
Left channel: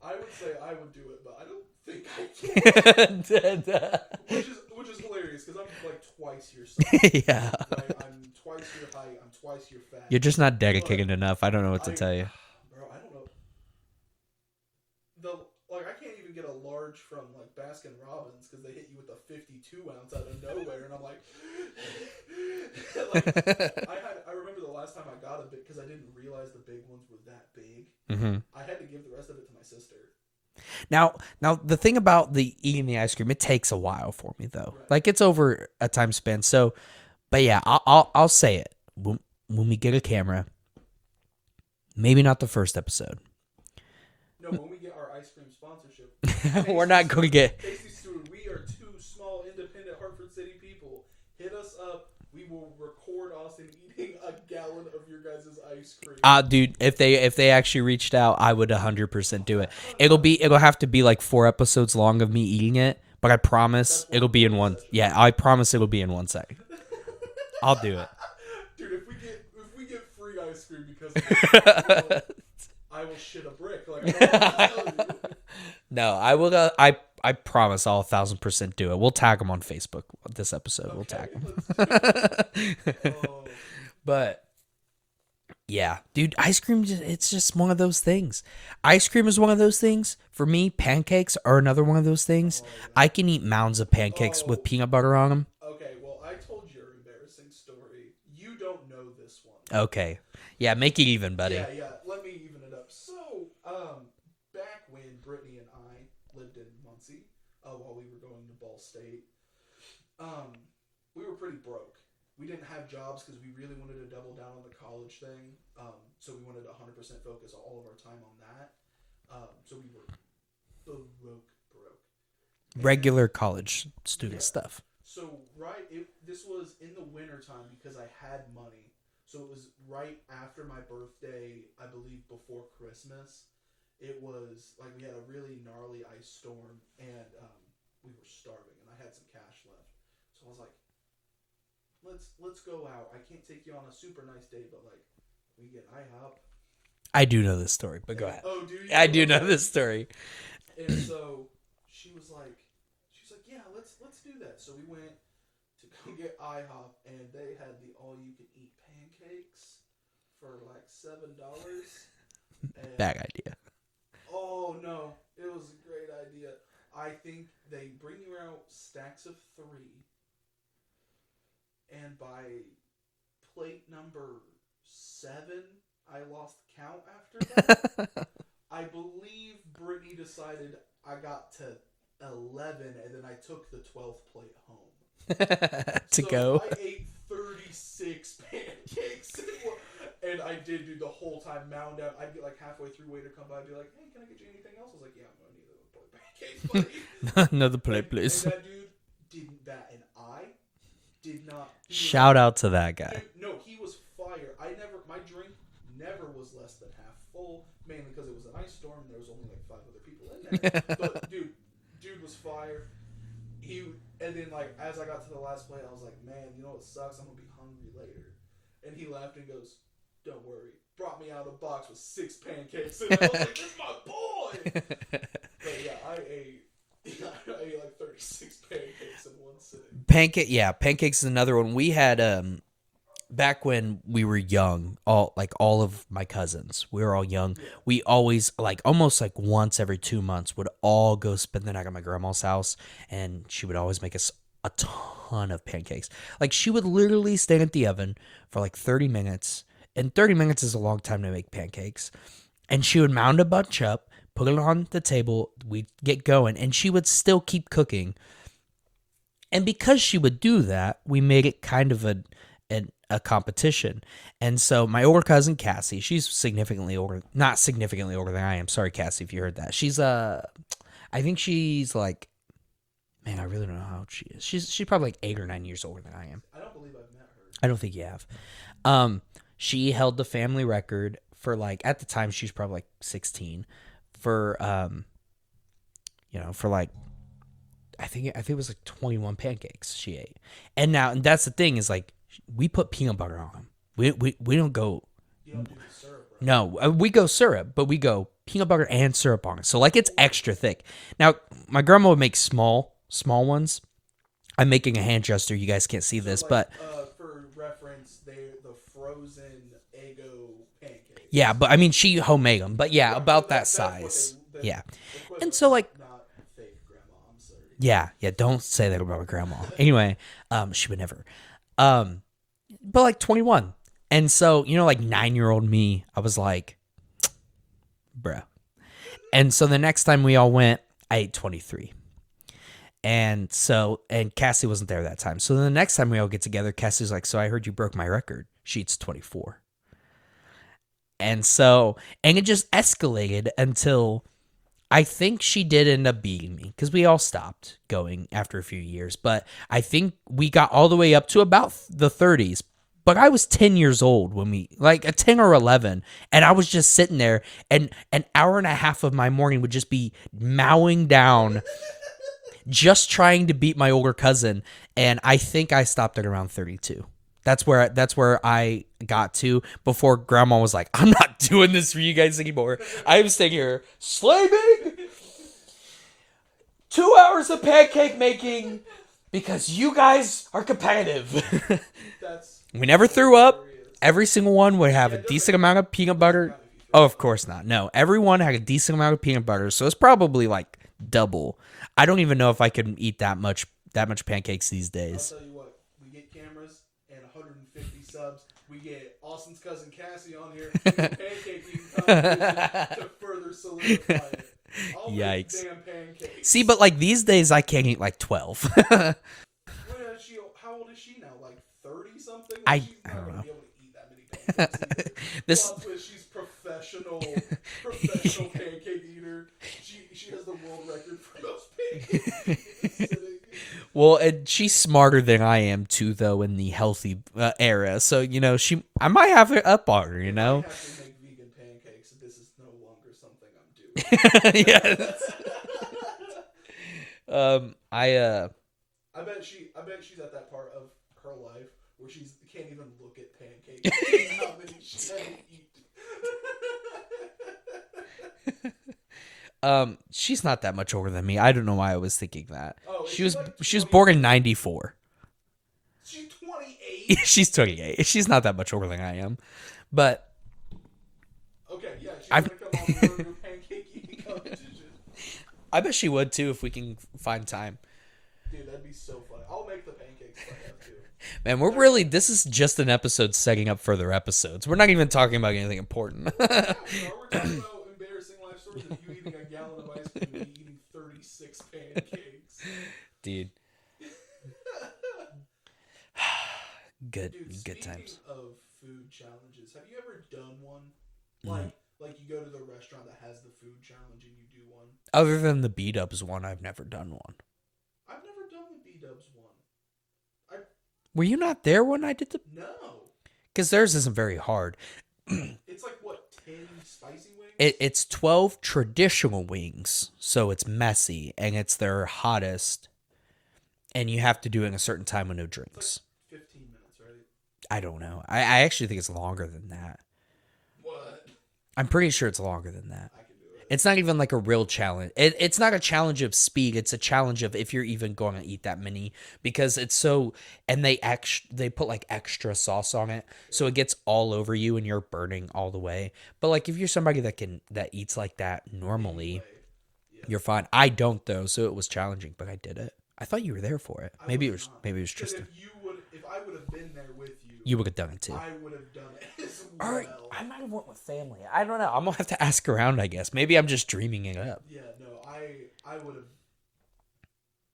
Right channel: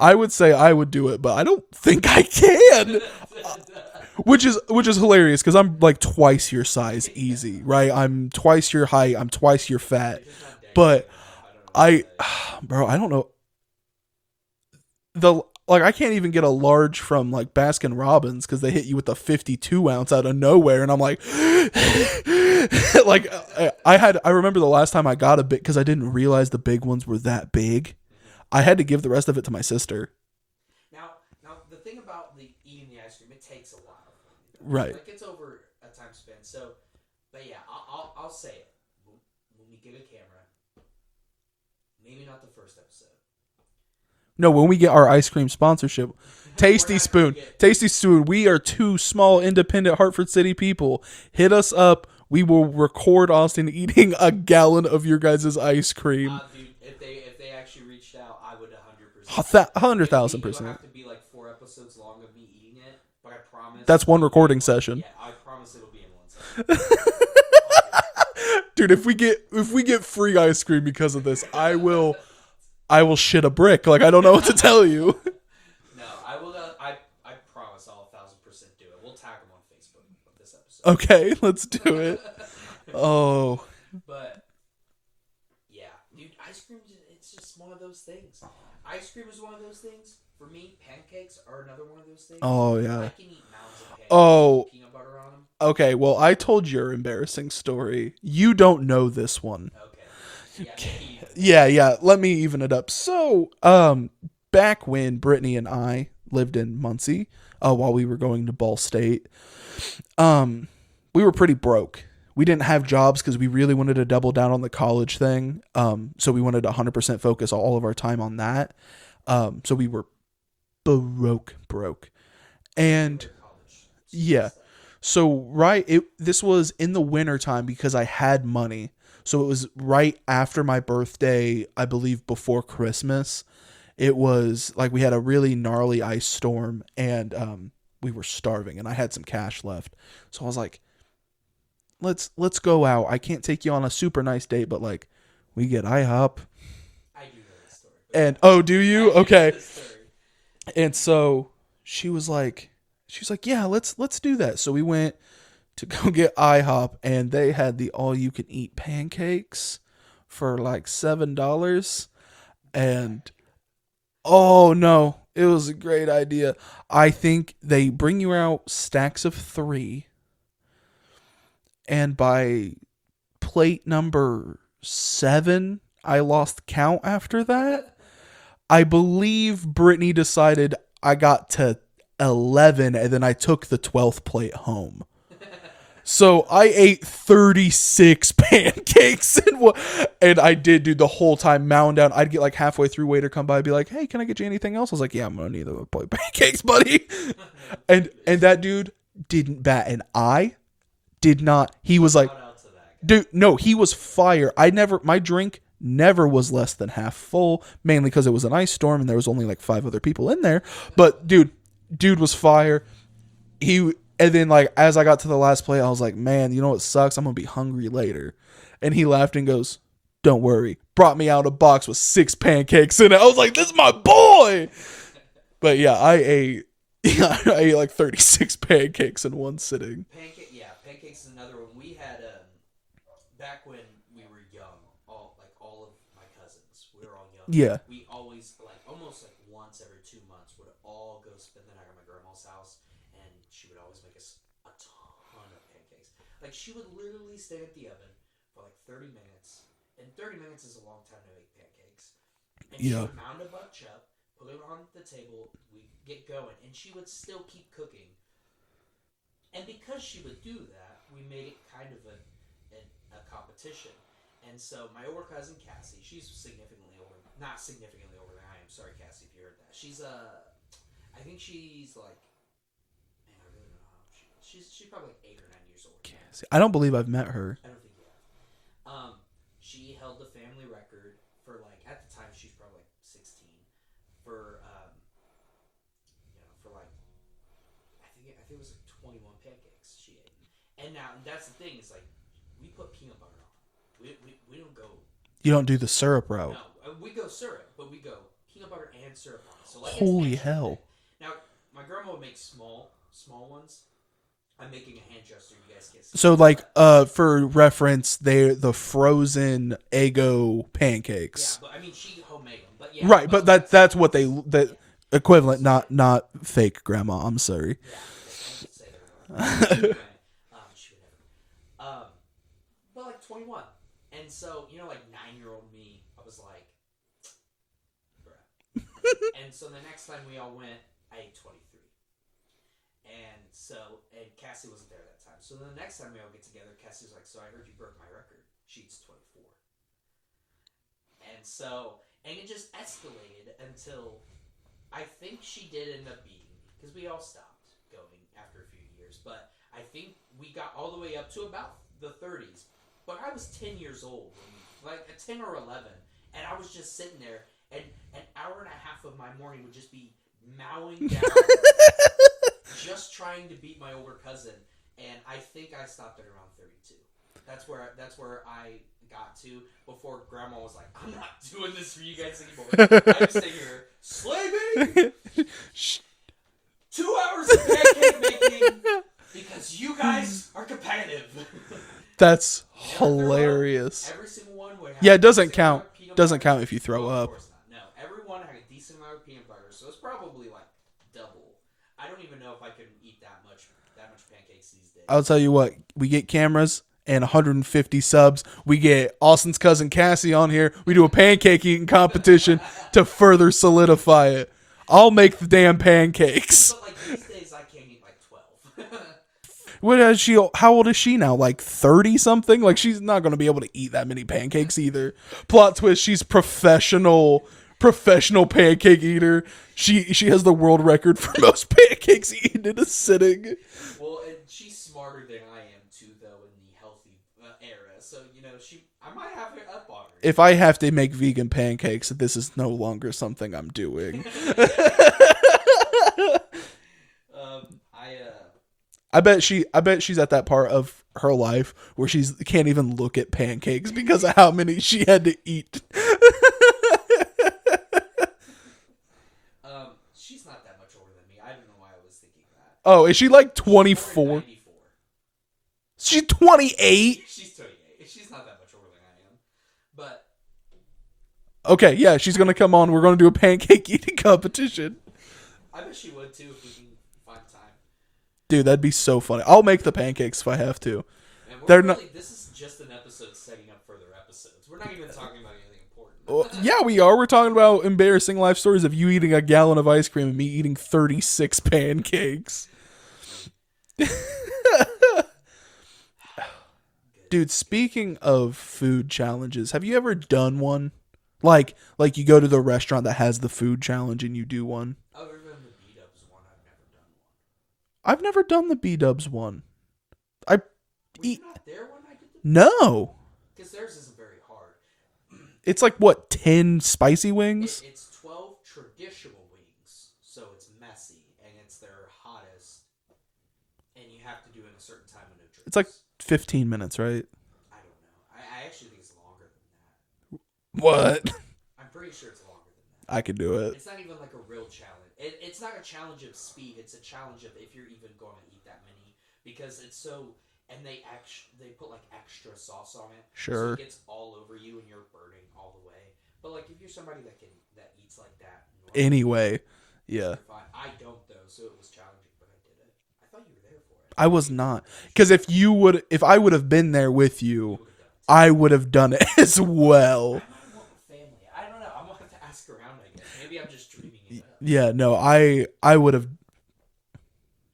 I would say I would do it, but I don't think I can. which is hilarious because I'm like twice your size easy, right? I'm twice your height. I'm twice your fat. You're just not dedicated enough. I don't know what to tell you. Bro, I don't know. I can't even get a large from like Baskin Robbins because they hit you with a 52 ounce out of nowhere, and I'm like, like I remember the last time I got a big because I didn't realize the big ones were that big. Mm-hmm. I had to give the rest of it to my sister. Now the thing about eating the ice cream, it takes a while for me though. Right. Like it's over a time span. So, but yeah, I'll say it when we get a camera. Maybe not the first episode. No, when we get our ice cream sponsorship, Tasty Spoon. Tasty Spoon. We are two small, independent Hartford City people. Hit us up. We will record Austin eating a gallon of your guys' ice cream. Dude, if they actually reached out, I would 100% do it. 100,000%. It'll have to be like 4 episodes long of me eating it, but I promise That's one it'll be in recording session. Yeah, I promise it'll be in 1 second. I'll do it. Dude, if we get free ice cream because of this, I will shit a brick. Like, I don't know what to tell you. No, I will. I promise I'll 1,000% do it. We'll tag them on Facebook this episode. Okay, let's do it. Oh, But yeah, dude, ice cream, it's just one of those things. Ice cream is one of those things. For me, pancakes are another one of those things. Oh, yeah. I can eat mounds of pancakes Oh. with peanut butter on them. okay. Well, I told your embarrassing story. You don't know this one. Okay. Yeah, make it even better. Yeah. Let me even it up. So, back when Brittany and I lived in Muncie, while we were going to Ball State, we were pretty broke. We didn't have jobs because we really wanted to double down on the college thing. So we wanted to 100% focus all of our time on that. So we were broke. And Regular college student stuff. so this was in the winter time because I had money. So it was right after my birthday, I believe before Christmas. It was like we had a really gnarly ice storm and we were starving and I had some cash left. So I was like, let's go out. I can't take you on a super nice date, but like we get IHOP. I do know this story. But And oh, do you? I do Okay. know this story. And so she was like, yeah, let's do that. So we went to go get IHOP and they had the all you can eat pancakes for like $7. And Bad idea. oh no, it was a great idea. I think they bring you out stacks of 3. And by plate number 7, I lost count after that. I believe Brittany decided I got to 11 and then I took the 12th plate home. So I ate 36 pancakes and I did, dude, the whole time mound down. I'd get like halfway through, waiter come by, be like, hey, can I get you anything else? I was like, yeah, I'm gonna need a plate of pancakes, buddy. Another plate, please. And that dude didn't bat an eye. Did not. He was Shout like, out to that guy. dude, no, he was fire. My drink never was less than half full, mainly because it was an ice storm and there was only like 5 other people in there. But dude was fire. And then like as I got to the last plate, I was like, man, you know what sucks? I'm gonna be hungry later. And he laughed and goes, don't worry. Brought me out a box with 6 pancakes in it. I was like, this is my boy. But yeah, I ate like 36 pancakes in one sitting. Pancakes is another one. We had back when we were young, all of my cousins, we were all young. Yeah. We always almost like once every 2 months would all go spend the night at my grandma's house, and she would always make us a ton of pancakes. Like she would literally stand at the oven for like 30 minutes, and 30 minutes is a long time to make pancakes. And she would mound a bunch up, put it on the table, we'd get going, and she would still keep cooking. And because she would do that, we made it kind of a competition. And so my older cousin Cassie, she's not significantly older than I am. Sorry, Cassie, if you heard that. She's I think she's like, man, I really don't know how old she is. She's probably like 8 or 9 years older than I am. I don't believe I've met her. I don't think you have. She held the family record for like, at the time she's probably like 16 for for like, I think it was like 21 pancakes she ate. And that's the thing is like, we put peanut butter on them. We don't go. You don't do the syrup route. No, we go syrup, but we go peanut butter and syrup on it. So like it's Holy extra hell. thick. Now my grandma would make small ones. I'm making a hand gesture. You guys can't see So this. like, but, for reference, they're the frozen Eggo pancakes. yeah, but I mean she homemade them. But yeah, right. about But that's what size. yeah. Equivalent, And so, not fake grandma. I'm sorry. Yeah. Don't say that about my grandma. Anyway, she would never. But like 21. And so, like 9-year-old me, I was like, bruh. And so the next time we all went, I ate 23. And Cassie wasn't there that time. So the next time we all get together, Cassie's like, so I heard you broke my record. She eats 24. And it just escalated until I think she did end up beating me because we all stopped going after a few years. But I think we got all the way up to about the 30s. But I was 10 years old when a 10 or 11, and I was just sitting there, and an hour and a half of my morning would just be mowing down, just trying to beat my older cousin. And I think I stopped at around 32. That's where I got to before Grandma was like, I'm not doing this for you guys anymore. I was sitting here, slay me. 2 hours of pancake making because you guys are competitive. That's we never hilarious. threw up. Every single one would have Yeah, a it doesn't decent count. amount of peanut butter. Doesn't count if you throw Oh, up. of course not. No, everyone had a decent amount of peanut butter, so it's probably like double. I don't even know if I could eat that much pancakes these days. I'll tell you what, we get cameras and 150 subs. We get Austin's cousin Cassie on here. We do a pancake eating competition to further solidify it. I'll make the damn pancakes. See, but like these days, I can't eat like 12. What is she? How old is she now? Like 30 something? Like she's not going to be able to eat that many pancakes either. Plot twist: she's professional pancake eater. She has the world record for most pancakes eaten in a sitting. Well, and she's smarter than I am too, though, in the healthy era. So I might have it up on her. If I have to make vegan pancakes, this is no longer something I'm doing. I bet she's at that part of her life where she can't even look at pancakes because of how many she had to eat. She's not that much older than me. I don't know why I was thinking that. Oh, is she like 24? She's born in 94. She's 28? She's 28. She's not that much older than I am. But okay, yeah, she's going to come on. We're going to do a pancake eating competition. I bet she would too if we can find time. Dude, that'd be so funny. I'll make the pancakes if I have to. Man, this is just an episode setting up further episodes. We're not even talking about anything important. Yeah, we are. We're talking about embarrassing life stories of you eating a gallon of ice cream and me eating 36 pancakes. Dude. Dude, speaking of food challenges, have you ever done one? Like you go to the restaurant that has the food challenge and you do one? Other than the B-dubs one, I've never done one. I've never done the B-dubs one. Were you not there when I did the... No. Because theirs isn't very hard. It's like, what, 10 spicy wings? It's 12 traditional wings, so it's messy, and it's their hottest, and you have to do it in a certain time with no drinks. It's like 15 minutes, right? I don't know. I actually think it's longer than that. What? I'm pretty sure it's longer than that. I could do it. It's not even like a real challenge. It's not a challenge of speed. It's a challenge of if you're even going to eat that many, because it's so, and they put like extra sauce on it, Sure. so it gets all over you and you're burning all the way. But like if you're somebody that eats like that normally, anyway, yeah, you're fine. I don't though, so it was challenging, but I did it. I thought you were there for it. I was not, because if I would have been there with you, you would have done it too. I would have done it as well. I might have went with family. I don't know. I'm gonna have to ask around, I guess. Maybe I'm just dreaming it up. Yeah, no, I would have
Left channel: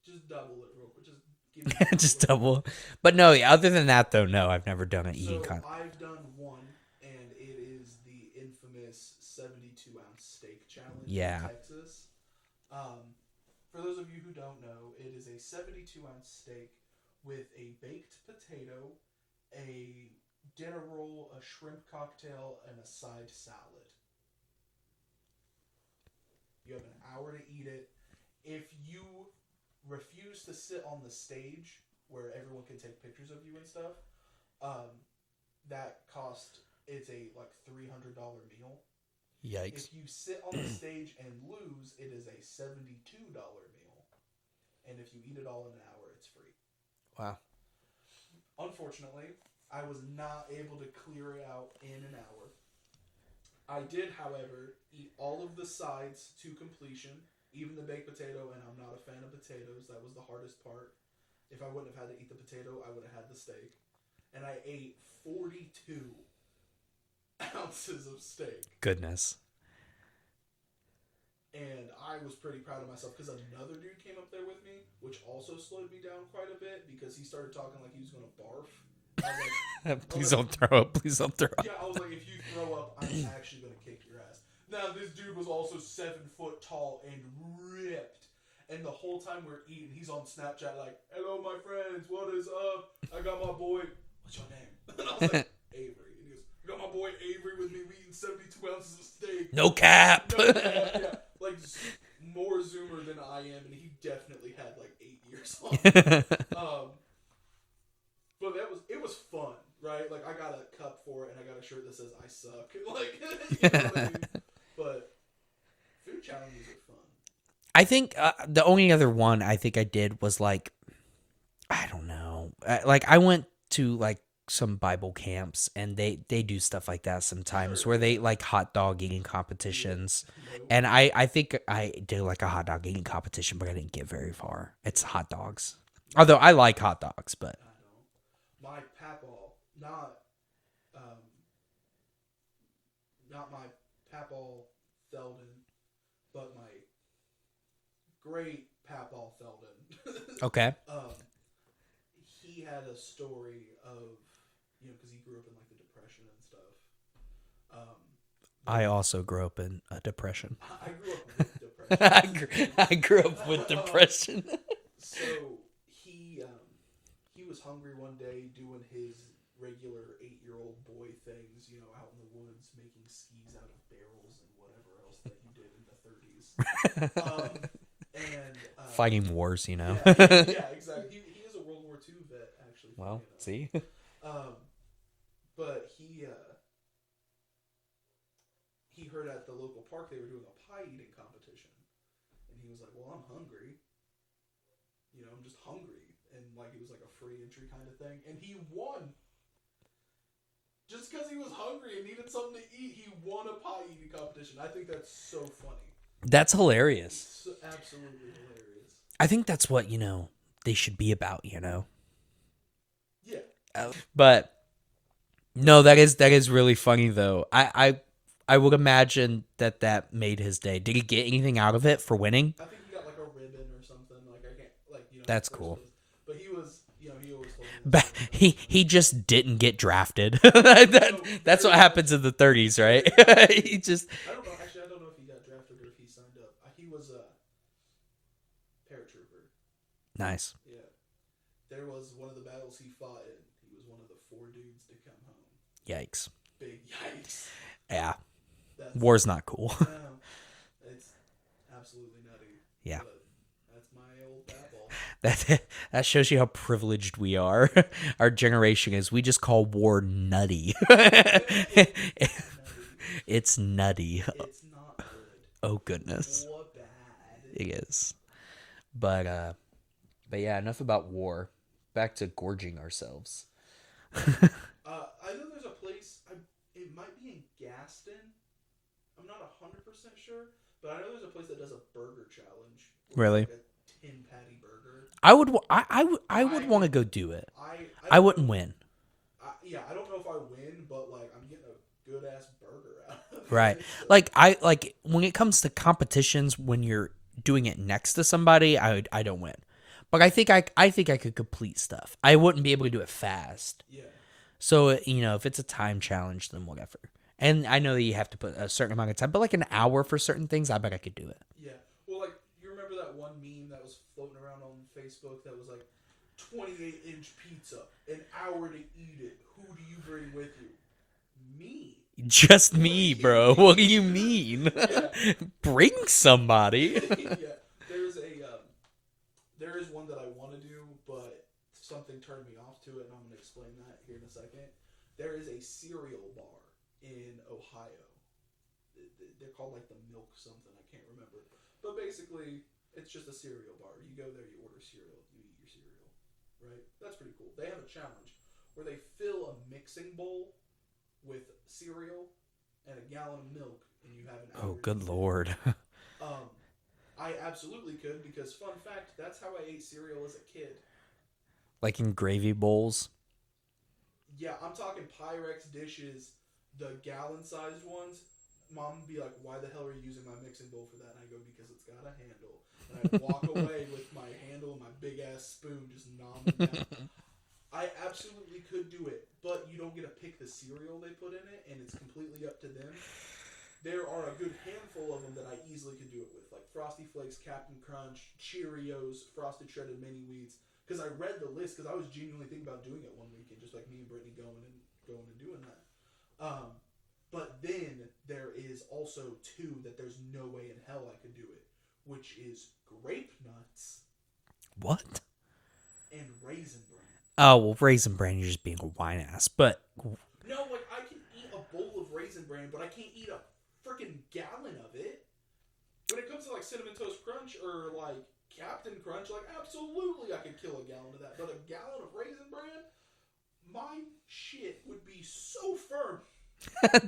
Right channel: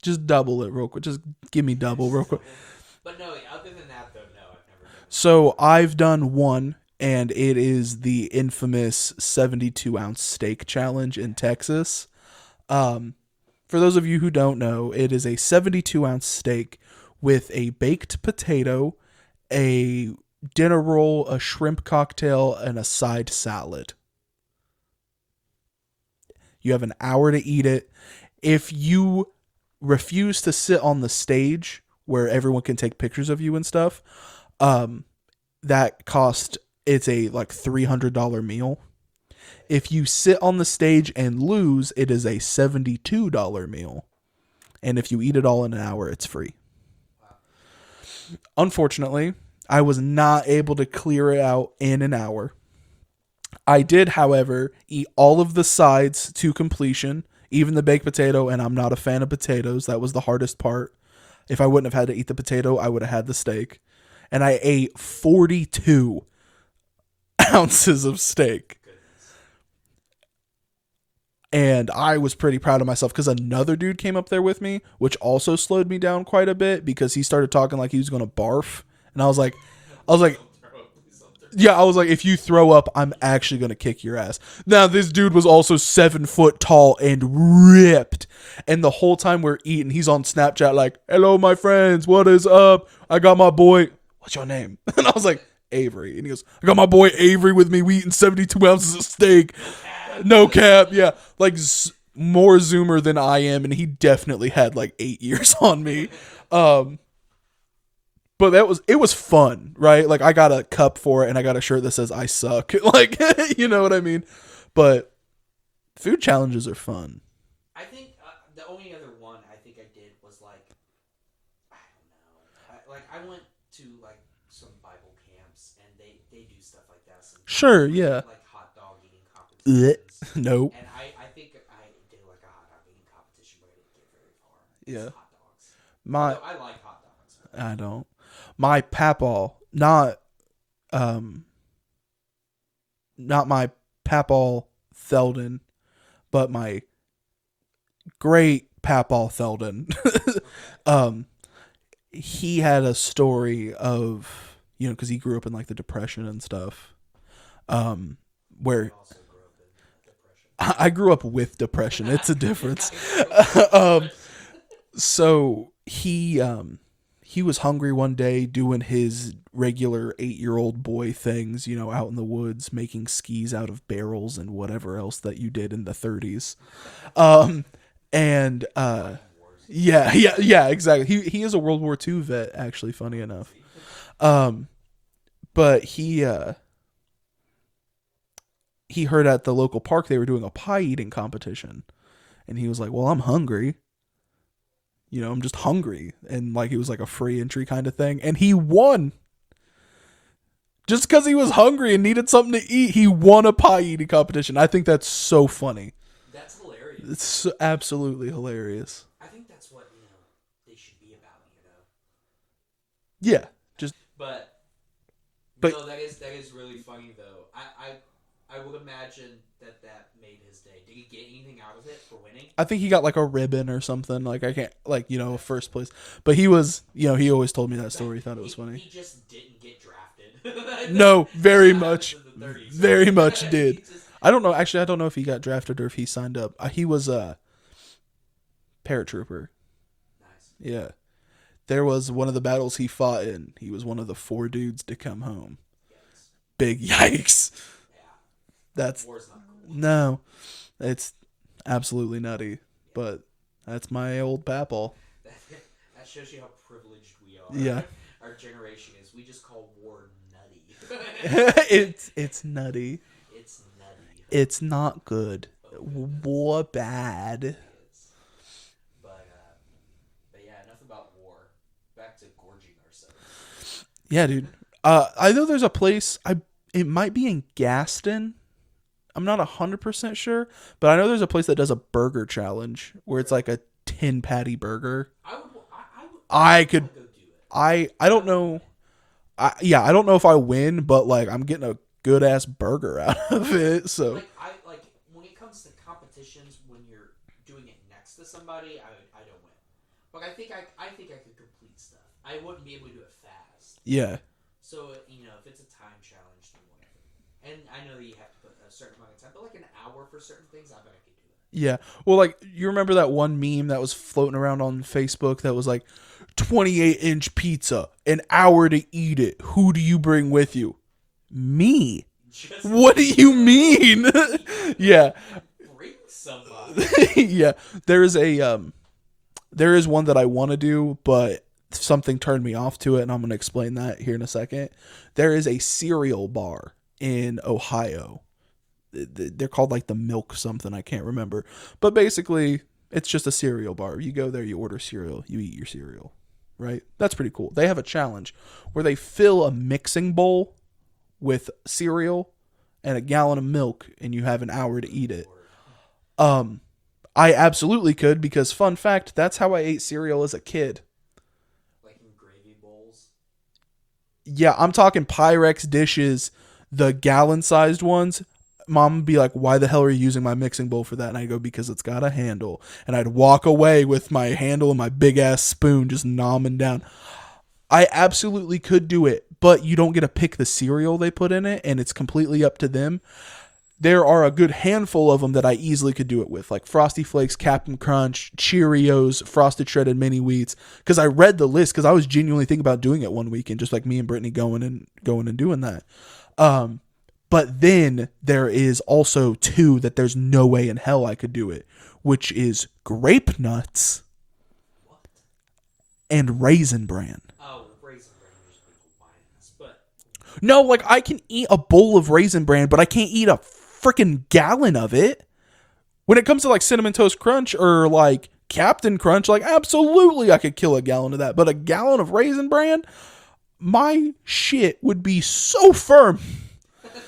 just double it real quick. Just give me double. Just double. But no, other than that though, no, I've never done it. So I've done one, and it is the infamous 72-ounce steak challenge in Texas. For those of you who don't know, it is a 72-ounce steak with a baked potato, a dinner roll, a shrimp cocktail, and a side salad. You have an hour to eat it. If you refuse to sit on the stage where everyone can take pictures of you and stuff, that cost, it's a like $300 meal. Yikes. If you sit on the stage and lose, it is a $72 meal. And if you eat it all in an hour, it's free. Wow. Unfortunately, I was not able to clear it out in an hour. I did, however, eat all of the sides to completion, even the baked potato, and I'm not a fan of potatoes. That was the hardest part. If I wouldn't have had to eat the potato, I would have had the steak. And I ate 42 ounces of steak. Goodness. And I was pretty proud of myself because another dude came up there with me, which also slowed me down quite a bit because he started talking like he was going to barf. And I was like, please don't throw up. Please don't throw up. Yeah, I was like, if you throw up, I'm actually going to kick your ass. Now, this dude was also 7 foot tall and ripped. And the whole time we're eating, he's on Snapchat like, hello, my friends. What is up? I got my boy. What's your name? And I was like, Avery. And he goes, I got my boy Avery with me. We eating 72 ounces of steak. No cap. No cap. Yeah. Like more Zoomer than I am. And he definitely had like 8 years on me. But it was fun, right? Like I got a cup for it and I got a shirt that says I suck. Like, you know what I mean? But food challenges are fun. I think the only other one I think I did was like, I don't know. Like I went to like some Bible camps and they do stuff like that sometimes Sure, where yeah. they like hot dog eating competitions. Nope. And I think I did like a hot dog eating competition, but I didn't get very far. It's Yeah. hot dogs. My- Although I like hot dogs, but I don't. My papaw, not my papaw Theldon, but my great papaw Theldon. okay. He had a story of, because he grew up in like the Depression and stuff. Where I also grew up in a depression. I grew up with depression. It's a difference. I grew up with depression. So he was hungry one day doing his regular 8-year-old boy things, out in the woods, making skis out of barrels and whatever else that you did in the 30s. And Fighting wars, Yeah, exactly. He is a World War II vet, actually, funny enough. See? But he heard at the local park they were doing a pie eating competition, and he was like, well, I'm hungry. I'm just hungry. And like, it was like a free entry kind of thing. And he won. Just because he was hungry and needed something to eat, he won a pie eating competition. I think that's so funny. That's hilarious. It's absolutely hilarious. I think that's what, they should be about, Yeah. But no, that is really funny though. I would imagine that made his day. Did he get anything out of it for winning? I think he got like a ribbon or something. Like I can't That's first cool. place. But he was, he always told me that story. He just didn't get drafted. No, That's very what much. happens in the 30s, right? Very much did. He just I don't know. Actually, I don't know if he got drafted or if he signed up. He was a paratrooper. nice. Yeah. There was one of the battles he fought in. He was one of the 4 dudes to come home. Yikes. Big yikes. Yeah. That's War's not cool. no. It's absolutely nutty. Yeah. But that's my old papaw. That shows you how privileged we are. Yeah. Our generation is. We just call war nutty. It's nutty. It's nutty. It's not good. Oh, goodness. War bad. It is. But yeah, enough about war. Back to gorging ourselves. Yeah, dude. I know there's a place. It might be in Gaston. I'm not 100% sure, but I know there's a place that does a burger challenge where it's Really? like a 10 patty burger. I would want to go do it. I I don't wouldn't know. win. I don't know if I win, but like I'm getting a good ass burger out of Right. it. So Like when it comes to competitions when you're doing it next to somebody, I don't win. But I think I could complete stuff. I wouldn't be able to do it fast. yeah. So, if it's a time challenge, then whatever. And I know that you have to put a certain amount of time, but like an hour for certain things, I bet I could do it. Yeah. Well, like, you remember that one meme that was floating around on Facebook that was like 28-inch pizza, an hour to eat it. Who do you bring with you? Me. Just What me, do you bro. mean? What do you mean? Yeah. Bring somebody. Yeah. There is one that I want to do, but something turned me off to it, and I'm going to explain that here in a second. There is a cereal bar in Ohio. They're called like the Milk something. I can't remember. But basically, it's just a cereal bar. You go there, you order cereal, you eat your cereal, right? That's pretty cool. They have a challenge where they fill a mixing bowl with cereal and a gallon of milk, and you have an hour to Good eat Lord. it. I absolutely could, because fun fact, that's how I ate cereal as a kid. Like in gravy bowls. Yeah, I'm talking Pyrex dishes, the gallon-sized ones. Mom would be like, why the hell are you using my mixing bowl for that? And I go, because it's got a handle. And I'd walk away with my handle and my big-ass spoon just nomming down. I absolutely could do it, but you don't get to pick the cereal they put in it, and it's completely up to them. There are a good handful of them that I easily could do it with, like Frosty Flakes, Captain Crunch, Cheerios, Frosted Shredded Mini Wheats. Because I read the list, because I was genuinely thinking about doing it one weekend, just like me and Brittany going and doing that. But then there is also 2 that there's no way in hell I could do it, which is Grape Nuts. What? And Raisin Bran. Oh, well, Raisin Bran, you're just being a whine ass. But No, like I can eat a bowl of Raisin Bran, but I can't eat a freaking gallon of it. When it comes to like Cinnamon Toast Crunch or like Captain Crunch, like absolutely I could kill a gallon of that. But a gallon of Raisin Bran, my shit would be so firm.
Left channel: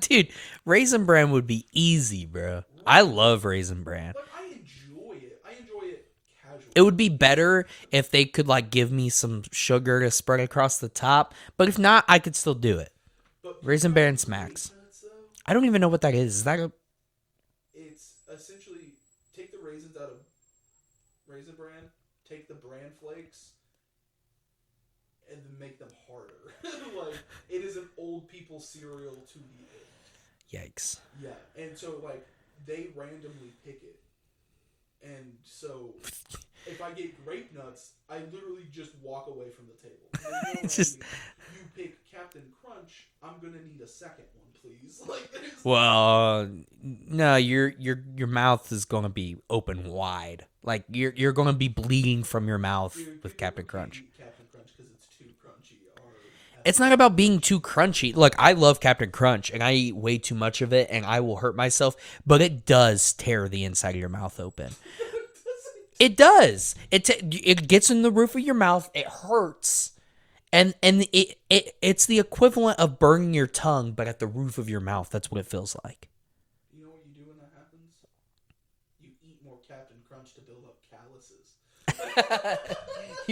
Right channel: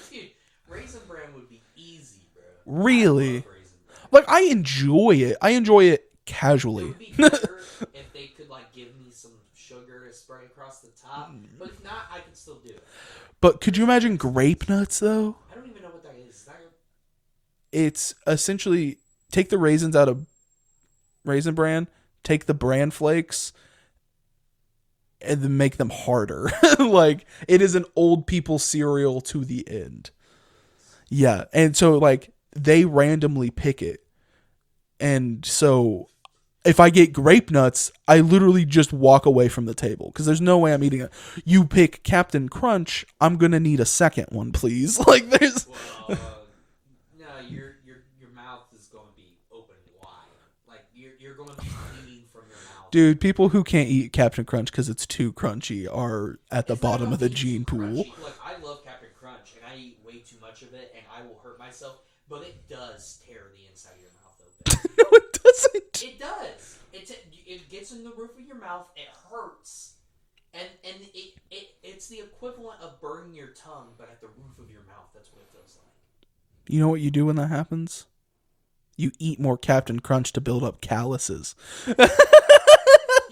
Dude, Raisin Bran would be easy, bro. Really? I love Raisin Bran. Like, I enjoy it. I enjoy it casually. It would be better if they could, like, give me some sugar to spread across the top. But if not, I could still do it. But could Raisin you imagine Bran grape smacks. nuts, though? I don't even know what that is. Is that a... It's essentially take the raisins out of Raisin Bran, take the bran flakes, and then make them harder. Like, it is an old people cereal to the end. Yikes. Yeah. And so, like, they randomly pick it. And so, if I get grape nuts, I literally just walk away from the table because there's no way I'm eating it. You pick Captain Crunch, I'm going to need a second one, please. Like, there's... Well, no, your mouth is going to be open wide. Like, you're going to be bleeding from your mouth. Dude, people who Captain can't Crunch. eat Captain Crunch because it's too crunchy are at the It's not bottom about of the being gene too pool. crunchy. Look, I love Captain Crunch, and I eat way too much of it, and I will hurt myself. But it does tear the inside of your mouth open. No, it doesn't. It does. It gets in the roof of your mouth. It hurts, and it's the equivalent of burning your tongue, but at the roof of your mouth. That's what it feels like. You know what you do when that happens? You eat more Captain Crunch to build up calluses. You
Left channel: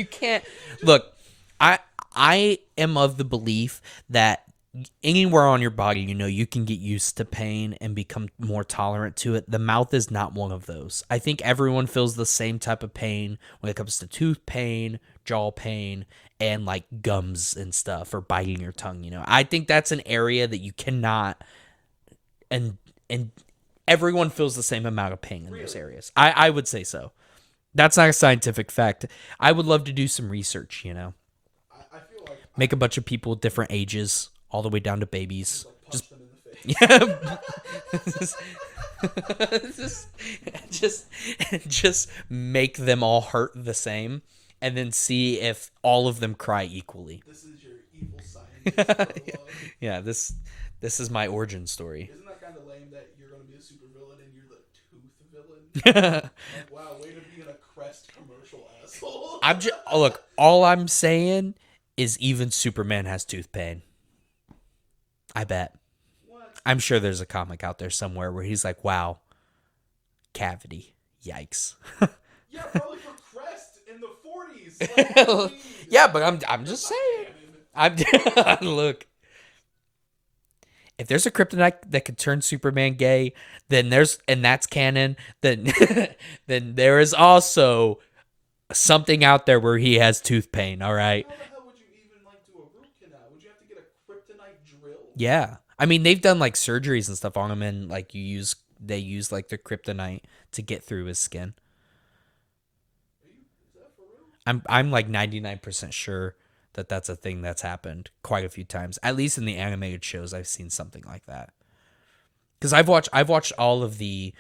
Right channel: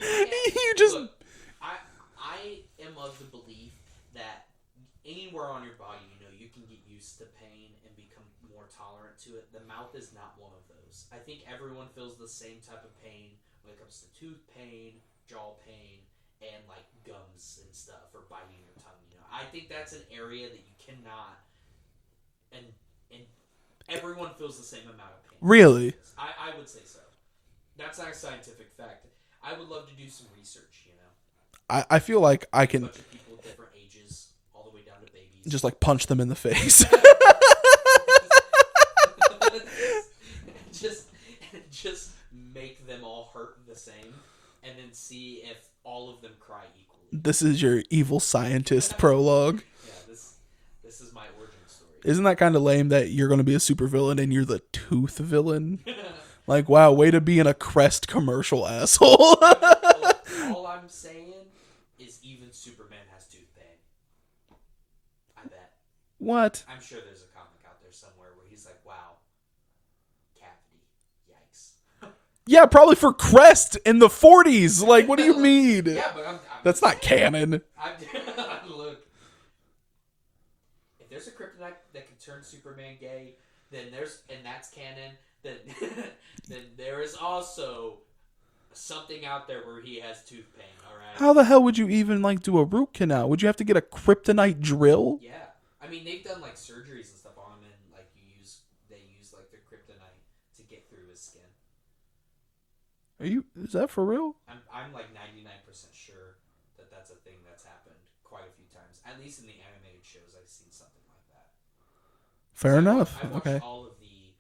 can't. You just- Look, I am of the belief that anywhere on your body, you can get used to pain and become more tolerant to it. The mouth is not one of those. I think everyone feels the same type of pain when it comes to tooth pain, jaw pain, and like gums and stuff, or biting your tongue. I think that's an area that you cannot, and everyone feels the same amount of pain. in those Really? areas. I would say so. That's not a scientific fact. I would love to do some research, I feel like I Make a can bunch of people with different ages, all the way down to babies. just like punch them in the face. just make them all hurt the same, and then see if all of them cry equally. This is your evil scientist prologue. Yeah, this is my origin story. Isn't that kind of lame that you're going to be a supervillain and you're the tooth villain? Like, wow, way to be in a Crest commercial, asshole. Look, all I'm saying is even Superman has tooth pain. I bet. What? I'm sure there's a comic out there somewhere where he's like, wow, cavity. Yikes. Yeah, probably for Crest in the 40s. Like, what do you mean? Yeah, but I'm That's just not saying. canon. Look. If there's a kryptonite that could turn Superman gay, and that's canon, then then there is also something out there where he has tooth pain, all right? How the hell would you even, like, do a root canal? Would you have to get a kryptonite drill? Yeah. I mean, they've done like surgeries and stuff on him, and like they use like the kryptonite to get through his skin. Is that for real? I'm like 99% sure that that's a thing that's happened quite a few times. At least in the animated shows, I've seen something like that. Because Fair I've enough. watched Okay. all of the,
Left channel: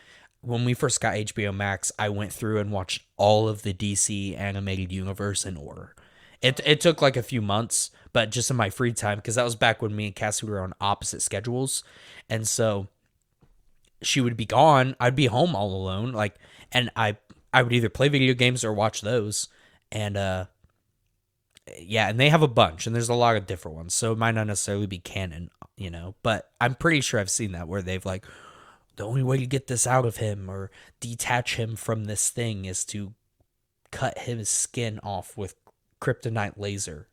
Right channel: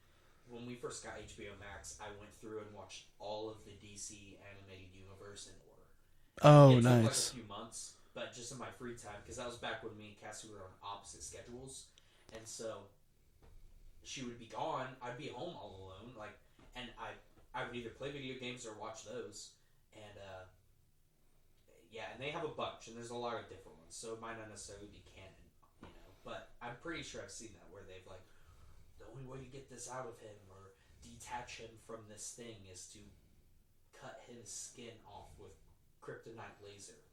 when we first got HBO Max, I went through and watched all of the DC animated universe in order. It took like a nice. few months, but just in my free time, because that was back when me and Cassie were on opposite schedules, and so she would be gone, I'd be home all alone, like, and I would either play video games or watch those, and yeah, and they have a bunch, and there's a lot of different ones, so it might not necessarily be canon, but I'm pretty sure I've seen that where they've like, the only way to get this out of him or detach him from this thing is to cut his skin off with kryptonite laser,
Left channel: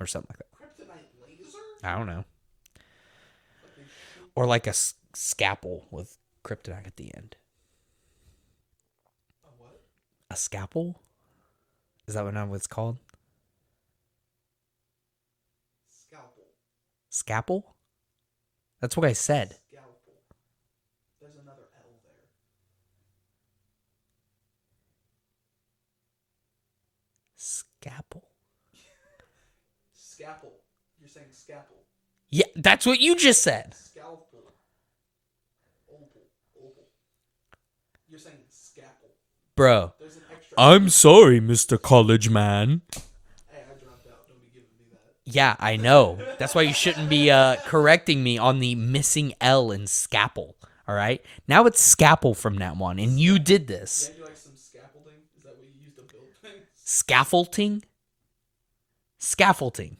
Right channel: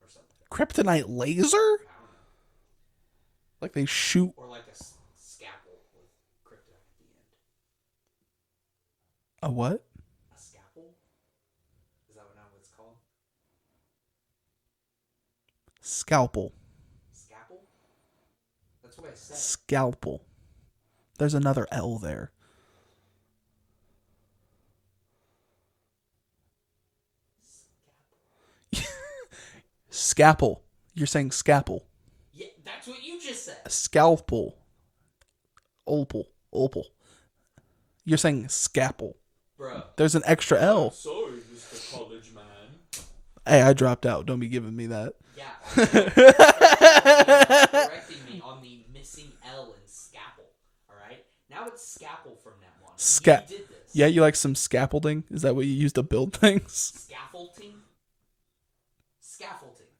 or something like that. Kryptonite laser? I don't know. Like they shoot. Or like a scalpel with kryptonite at the end. A what? A scalpel? Is that what it's called? Scalpel. Scalpel? That's what I said. Scalpel. There's another L there. Scalpel. Scalpel. You're saying scalpel. Yeah, that's what you just said. Scalpel. Opal. You're saying scalpel. Bro. There's an extra L. sorry, Mr. College Man. Hey, I dropped out. Don't be giving me that. Yeah, I know. That's why you shouldn't be correcting me on the missing L in scalpel. All right. Now it's scalpel from now on, and you did this. Yeah, you like some scaffolding? Is that what you use to build things? Scaffolding. Scaffolding.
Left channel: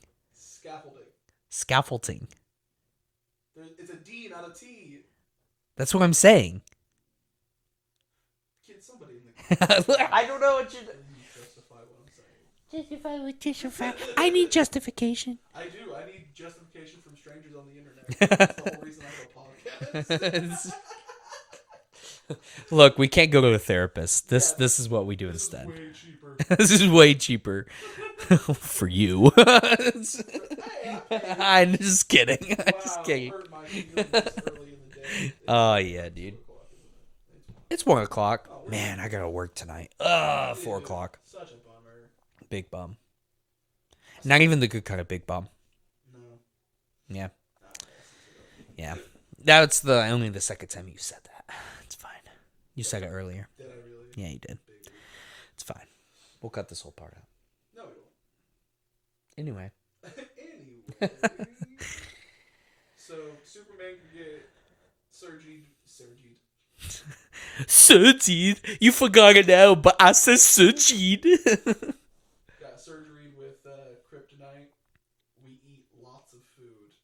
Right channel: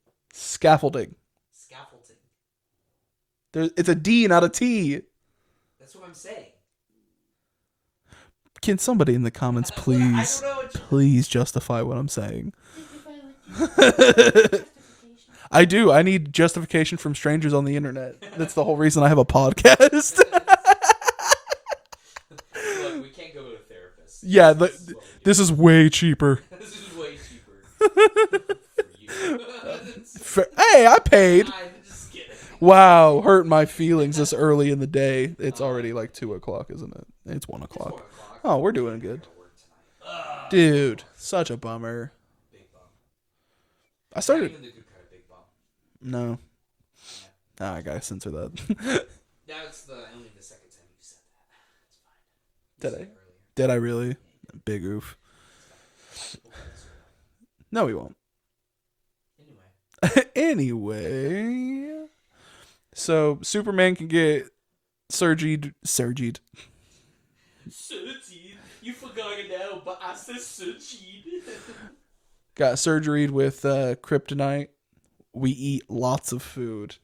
It's a D, not a T. That's what I'm saying. Can somebody in the comments please justify what I'm saying? I need justification. I do. I need justification from strangers on the internet. That's the whole reason I have a podcast. Look, we can't go to a therapist. This is what we do. This is way cheaper. This is way cheaper for you. Hey, I paid. I'm just kidding. Wow, hurt my feelings this early in the day. It's already 2 o'clock, isn't it? It's 1 o'clock. It's 1 o'clock. Oh, we're doing. I gotta work tonight. Dude, such a bummer. Big bum. Not even the good kind of big bum. No. Yeah. I gotta censor that. Yeah. That's only the second time you said that. It's fine. You said it earlier. Did I really? Yeah, you did. Big oof. It's fine. We'll cut this whole part out. No, we won't. Anyway. So Superman can get surgered. You forgot it now, but I said surgered. Got surgery with kryptonite. We eat lots of food.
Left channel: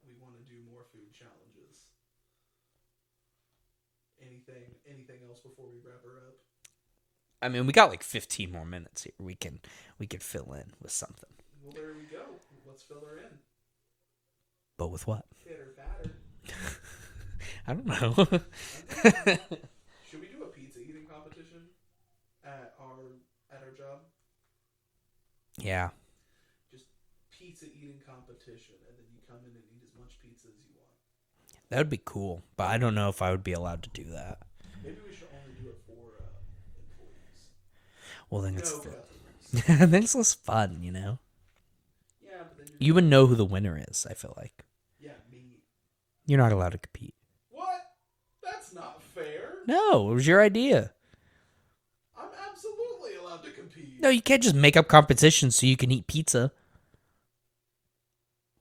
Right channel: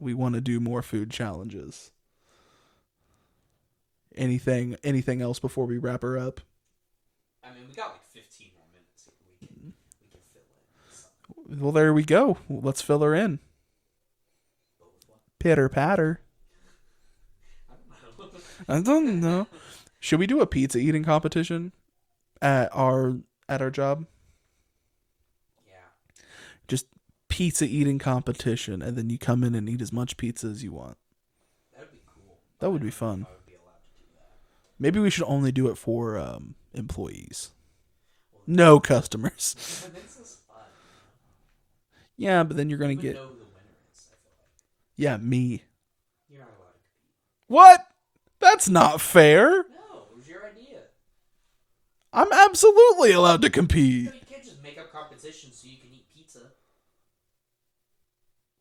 We want to do more food challenges. Anything else before we wrap her up? I mean, we got like 15 more minutes here. We can fill in with something. Well, there we go. Let's fill her in. But with what? Pitter patter. I don't know. Should we do a pizza eating competition at our job? Yeah. Just pizza eating competition, and then you come in and eat as much pizza as you want. That would be cool, but I don't know if I would be allowed to do that. Maybe we should only do it for employees. Well, then no customers. Then it's less fun, you know? Yeah, but then you would know who the winner is, I feel like. Yeah, me. You're not allowed to compete. What? That's not fair. No, it was your idea. I'm absolutely allowed to compete. No, you can't just make up competitions so you can eat pizza.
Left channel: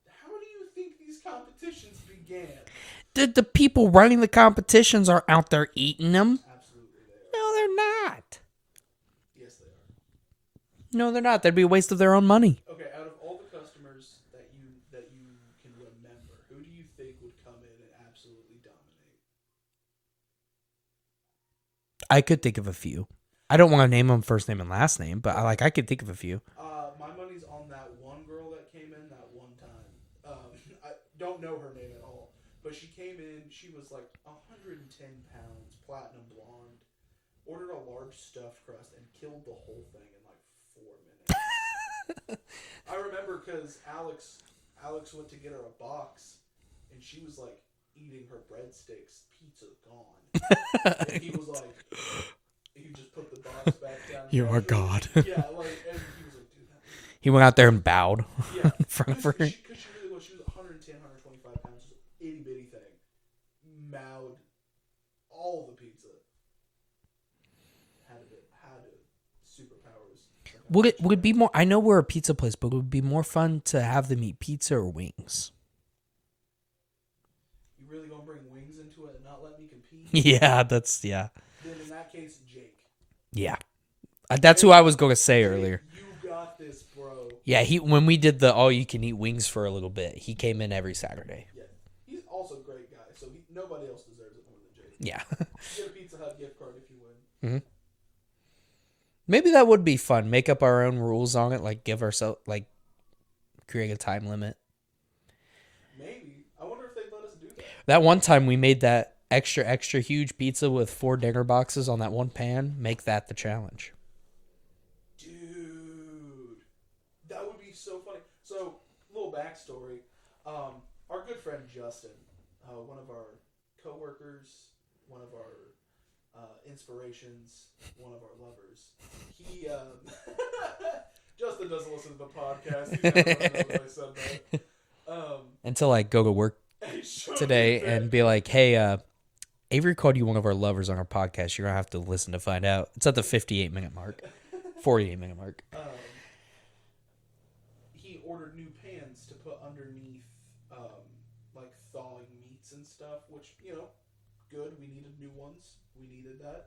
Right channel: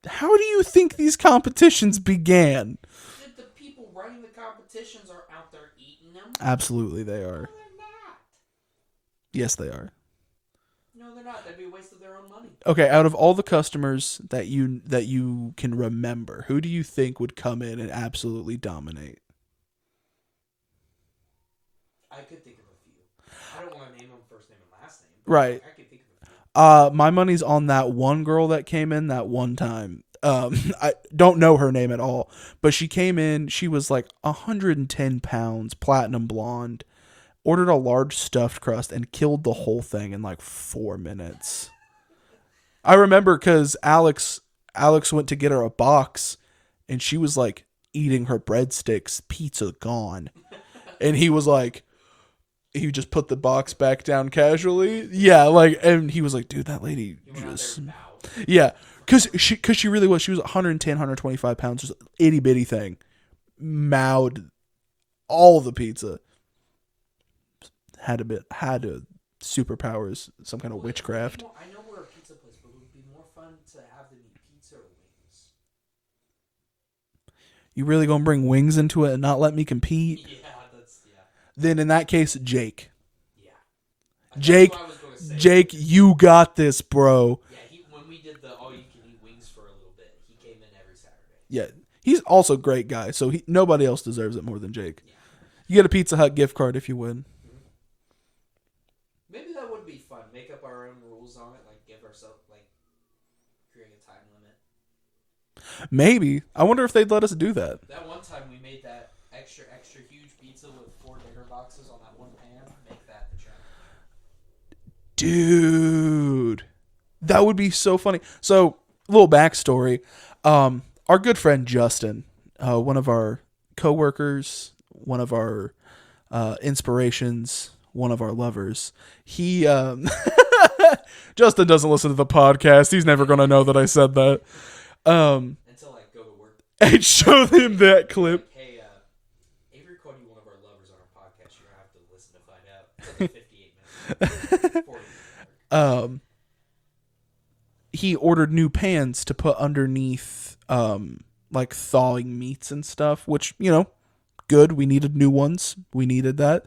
How do you think these competitions began? The people running the competitions are out there eating them. Absolutely, they are. No, they're not. Yes, they are. No, they're not. That'd be a waste of their own money. Okay, out of all the customers that you can remember, who do you think would come in and absolutely dominate? I could think of a few. I don't want to name them first name and last name, but right. I could think of a few. My money's on that one girl that came in that one time. I don't know her name at all, but she came in. She was like 110 pounds, platinum blonde, ordered a large stuffed crust and killed the whole thing in like 4 minutes. I remember because Alex went to get her a box and she was like eating her breadsticks, pizza gone. And he was like, he just put the box back down casually. Yeah, like, and he was like, dude, that lady. He went out there and bowed. Yeah, because she really was. She was 110, 125 pounds, just itty bitty thing. Mowed all the pizza. Had superpowers, some kind of witchcraft. Would it be more? I know we're a pizza place, but would it be more fun to have them eat pizza or wings? You really gonna bring wings into it and not let me compete? Yeah, Then in that case, Jake. Yeah. That's who I was going to say Jake, earlier. you got this, bro. Yeah, when we did the all-you-can-eat wings for a little bit, he came in every Saturday. Yeah, he's also a great guy, so nobody else deserves it more than Jake. Yeah. You get a Pizza Hut gift card if you win. Mm-hmm. Maybe that would be fun. Make up our own rules on it, like give ourselves, like, create a time limit. Maybe. I wonder if they'd let us do that. That one time we made that extra huge pizza with 4 dinner boxes on that one pan. Make that the challenge. Dude, that would be so funny. So, little backstory. Our good friend Justin, one of our coworkers, one of our inspirations, one of our lovers, he Justin doesn't listen to the podcast. He's never going to know that I said that. Until I go to work and show him that and be clip. Like, hey, Avery called you one of our lovers on our podcast. You're going to have to listen to find out. It's at the 58-minute mark. 48-minute mark. He ordered new pans to put underneath like thawing meats and stuff, which, you know, good. We needed new ones. We needed that.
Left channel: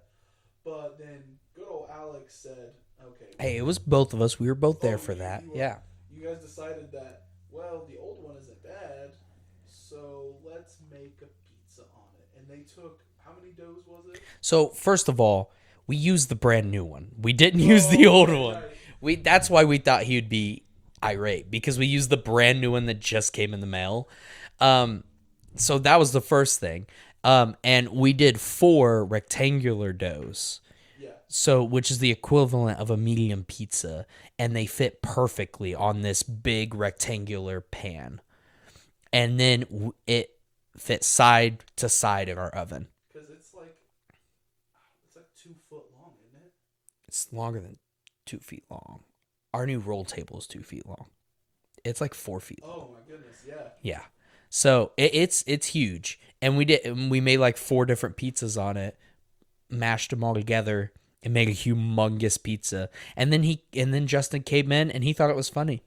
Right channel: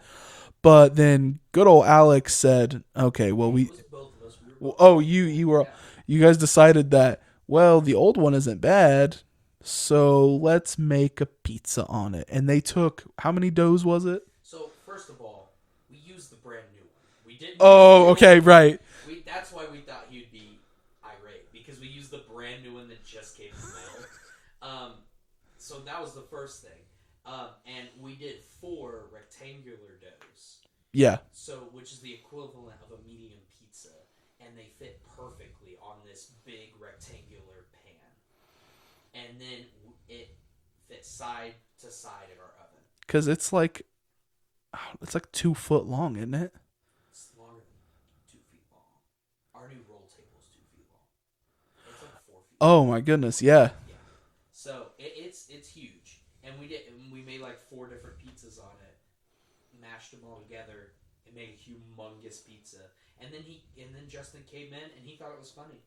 But then good old Alex said, okay, well, Hey, it was both of us. We were both oh, there for that. you were, Yeah. you guys decided that, well, the old one isn't bad, so let's make a pizza on it. And they took, how many doughs was it? So, first of all, we used the brand new one. We didn't use Oh, the old okay, one. right. That's why we thought he would be irate, because we used the brand new one that just came in the mail. So that was the first thing. And we did 4 rectangular doughs. Yeah. So, which is the equivalent of a medium pizza, and they fit perfectly on this big rectangular pan. And then it fit side to side in our oven. Because it's like 2 foot long, isn't it? It's longer than 2 feet long. Our new roll table is 2 feet long. It's like 4 feet. Oh my goodness, yeah. Yeah. So it's huge. And we made like 4 different pizzas on it, mashed them all together, and made a humongous pizza. And then Justin came in and he thought it was funny.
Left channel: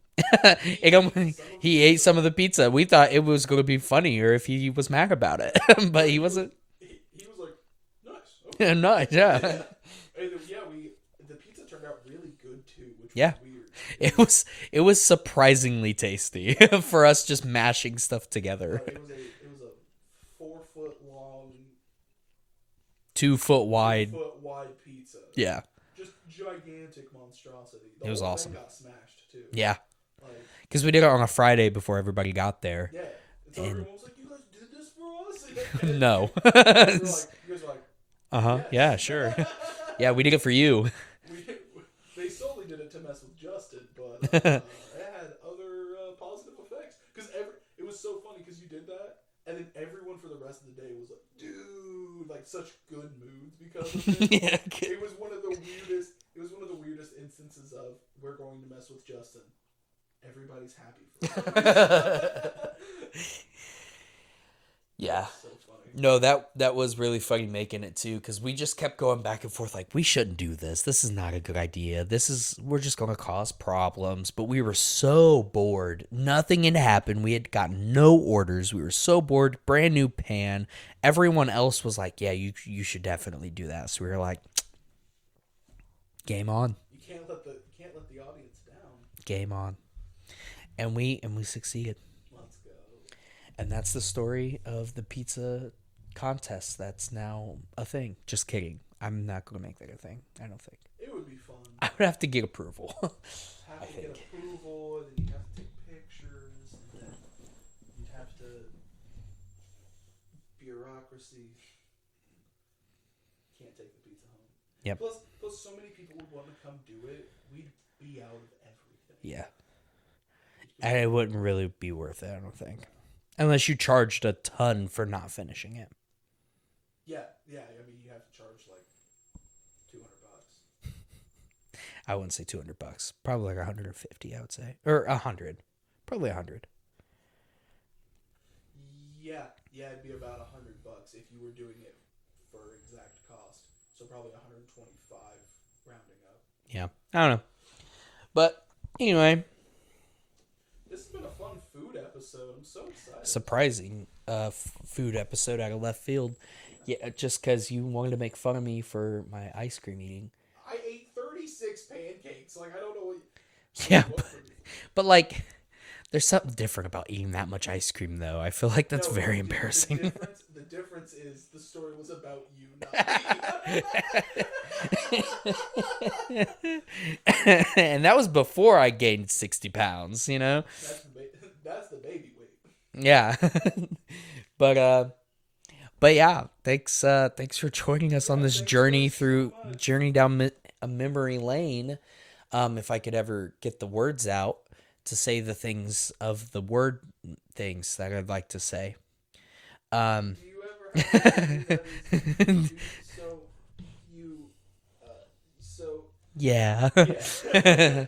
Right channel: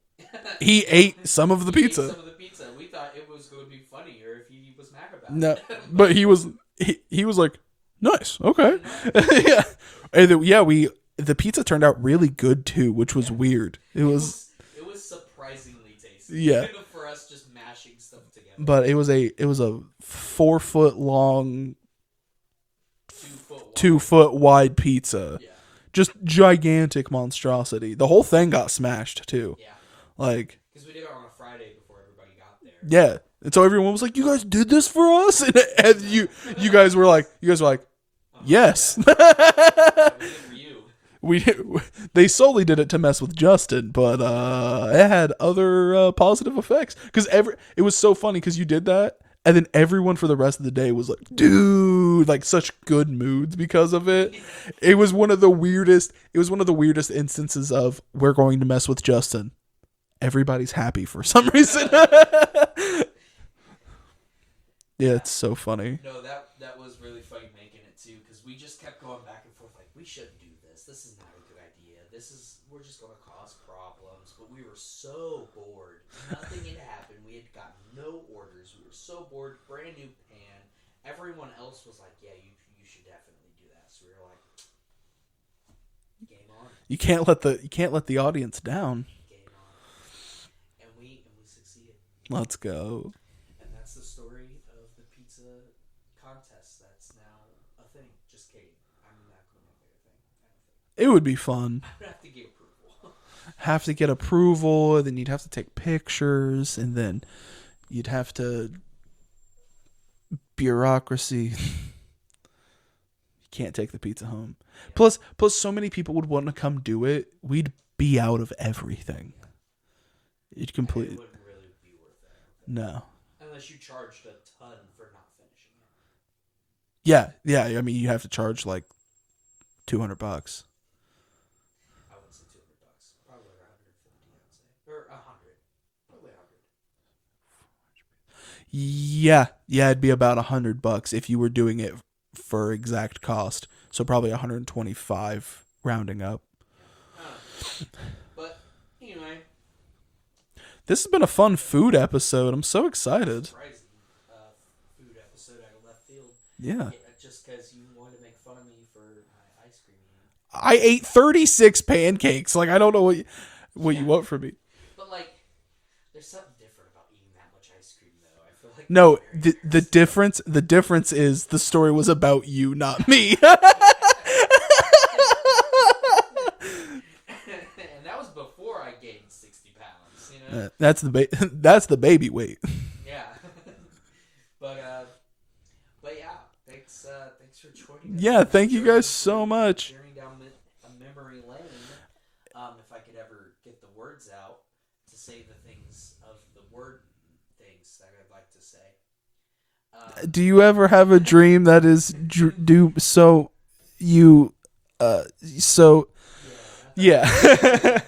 He ate some of the pizza. He ate some of the pizza. We thought it was going to be funnier if he was mad about it. but he was like, nice, okay. Nice, yeah. Yeah. And the pizza turned out really good too, which was weird. It was surprisingly tasty for us just mashing stuff together. But it was a 4 foot long, 2 foot wide, 2 foot wide pizza. Yeah. Just gigantic monstrosity. The whole thing got smashed too. Yeah. Like, because we did it on a Friday before everybody got there. Yeah. And so everyone was like, "You guys did this for us?" And No. you guys were like, "Yes." Yeah, sure. Yeah, we did it for you. They solely did it to mess with Justin, but it had other positive effects. Because it was so funny because you did that, and then everyone for the rest of the day was like, "Dude," like such good moods because of it. Yeah. It was one of the weirdest. It was one of the weirdest instances of we're going to mess with Justin. Everybody's happy for some reason. Yeah, it's so funny. No, that was really funny making it too, because we just kept going back and forth like, we shouldn't do this. This is not a good idea. We're just going to cause problems. But we were so bored. Nothing had happened. We had gotten no orders. We were so bored. Brand new pan. Everyone else was like, yeah, you should definitely do that. So we were like, game on. You can't let the audience down. Game on. And we succeeded. Let's go. And that's the story of the pizza contest that's now a thing. Just kidding. I'm not going to make that a thing. I don't think. It would be fun. I would have to get approval. Then you'd have to take pictures, and then you'd have to... Bureaucracy. Can't take the pizza home. Yep. Plus so many people would want to come do it. We'd be out of everything. Yeah. And it wouldn't really be worth it, I don't think. No. Unless you charged a ton for not finishing it. Yeah. I mean, you have to charge like $200. I wouldn't say $200. Probably like 150, I would say. Or 100. Probably 100. Yeah, it'd be about $100 if you were doing it for exact cost. So probably 125 rounding up. Yeah. I don't know. But anyway, this has been a fun food episode. I'm so excited. Surprising food episode out of left field. Yeah. Just because you wanted to make fun of me for my ice cream eating. I ate 36 pancakes. Like, I don't know what you want from me. But, like, there's something different about eating that much ice cream, though. I feel like that's very embarrassing. The difference is the story was about you, not me. And that was before I gained 60 pounds, you know? That's the baby weight. Yeah. But yeah, thanks for joining us on this thank journey you guys so much. Journey down a memory lane. If I could ever get the words out to say the things of the word things that I'd like to say. Do you ever have a dream that is Yeah. Yeah.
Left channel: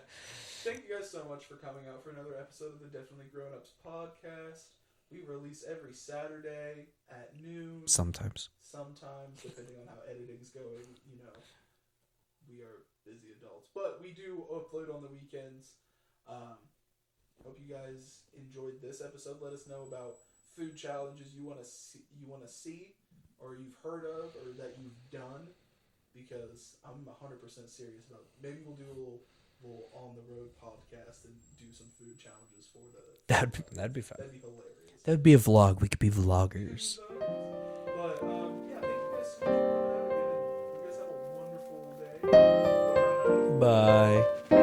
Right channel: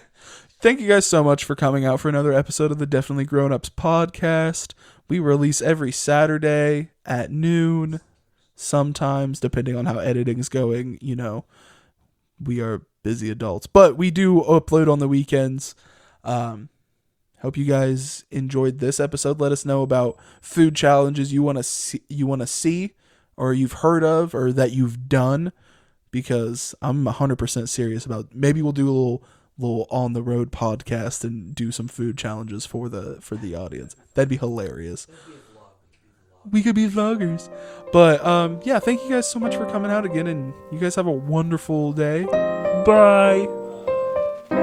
Thank you guys so much for coming out for another episode of the Definitely Grown Ups podcast. We release every Saturday at noon. Sometimes, depending on how editing's going, we are busy adults. But we do upload on the weekends. Hope you guys enjoyed this episode. Let us know about food challenges you want to see or you've heard of or that you've done, because I'm 100% serious about, maybe we'll do a little on the road podcast and do some food challenges for the audience. That'd be hilarious. That'd be a vlog. We could be vloggers. We could be vloggers. But yeah, thank you guys so much for coming out again, and you guys have a wonderful day. Bye. Bye.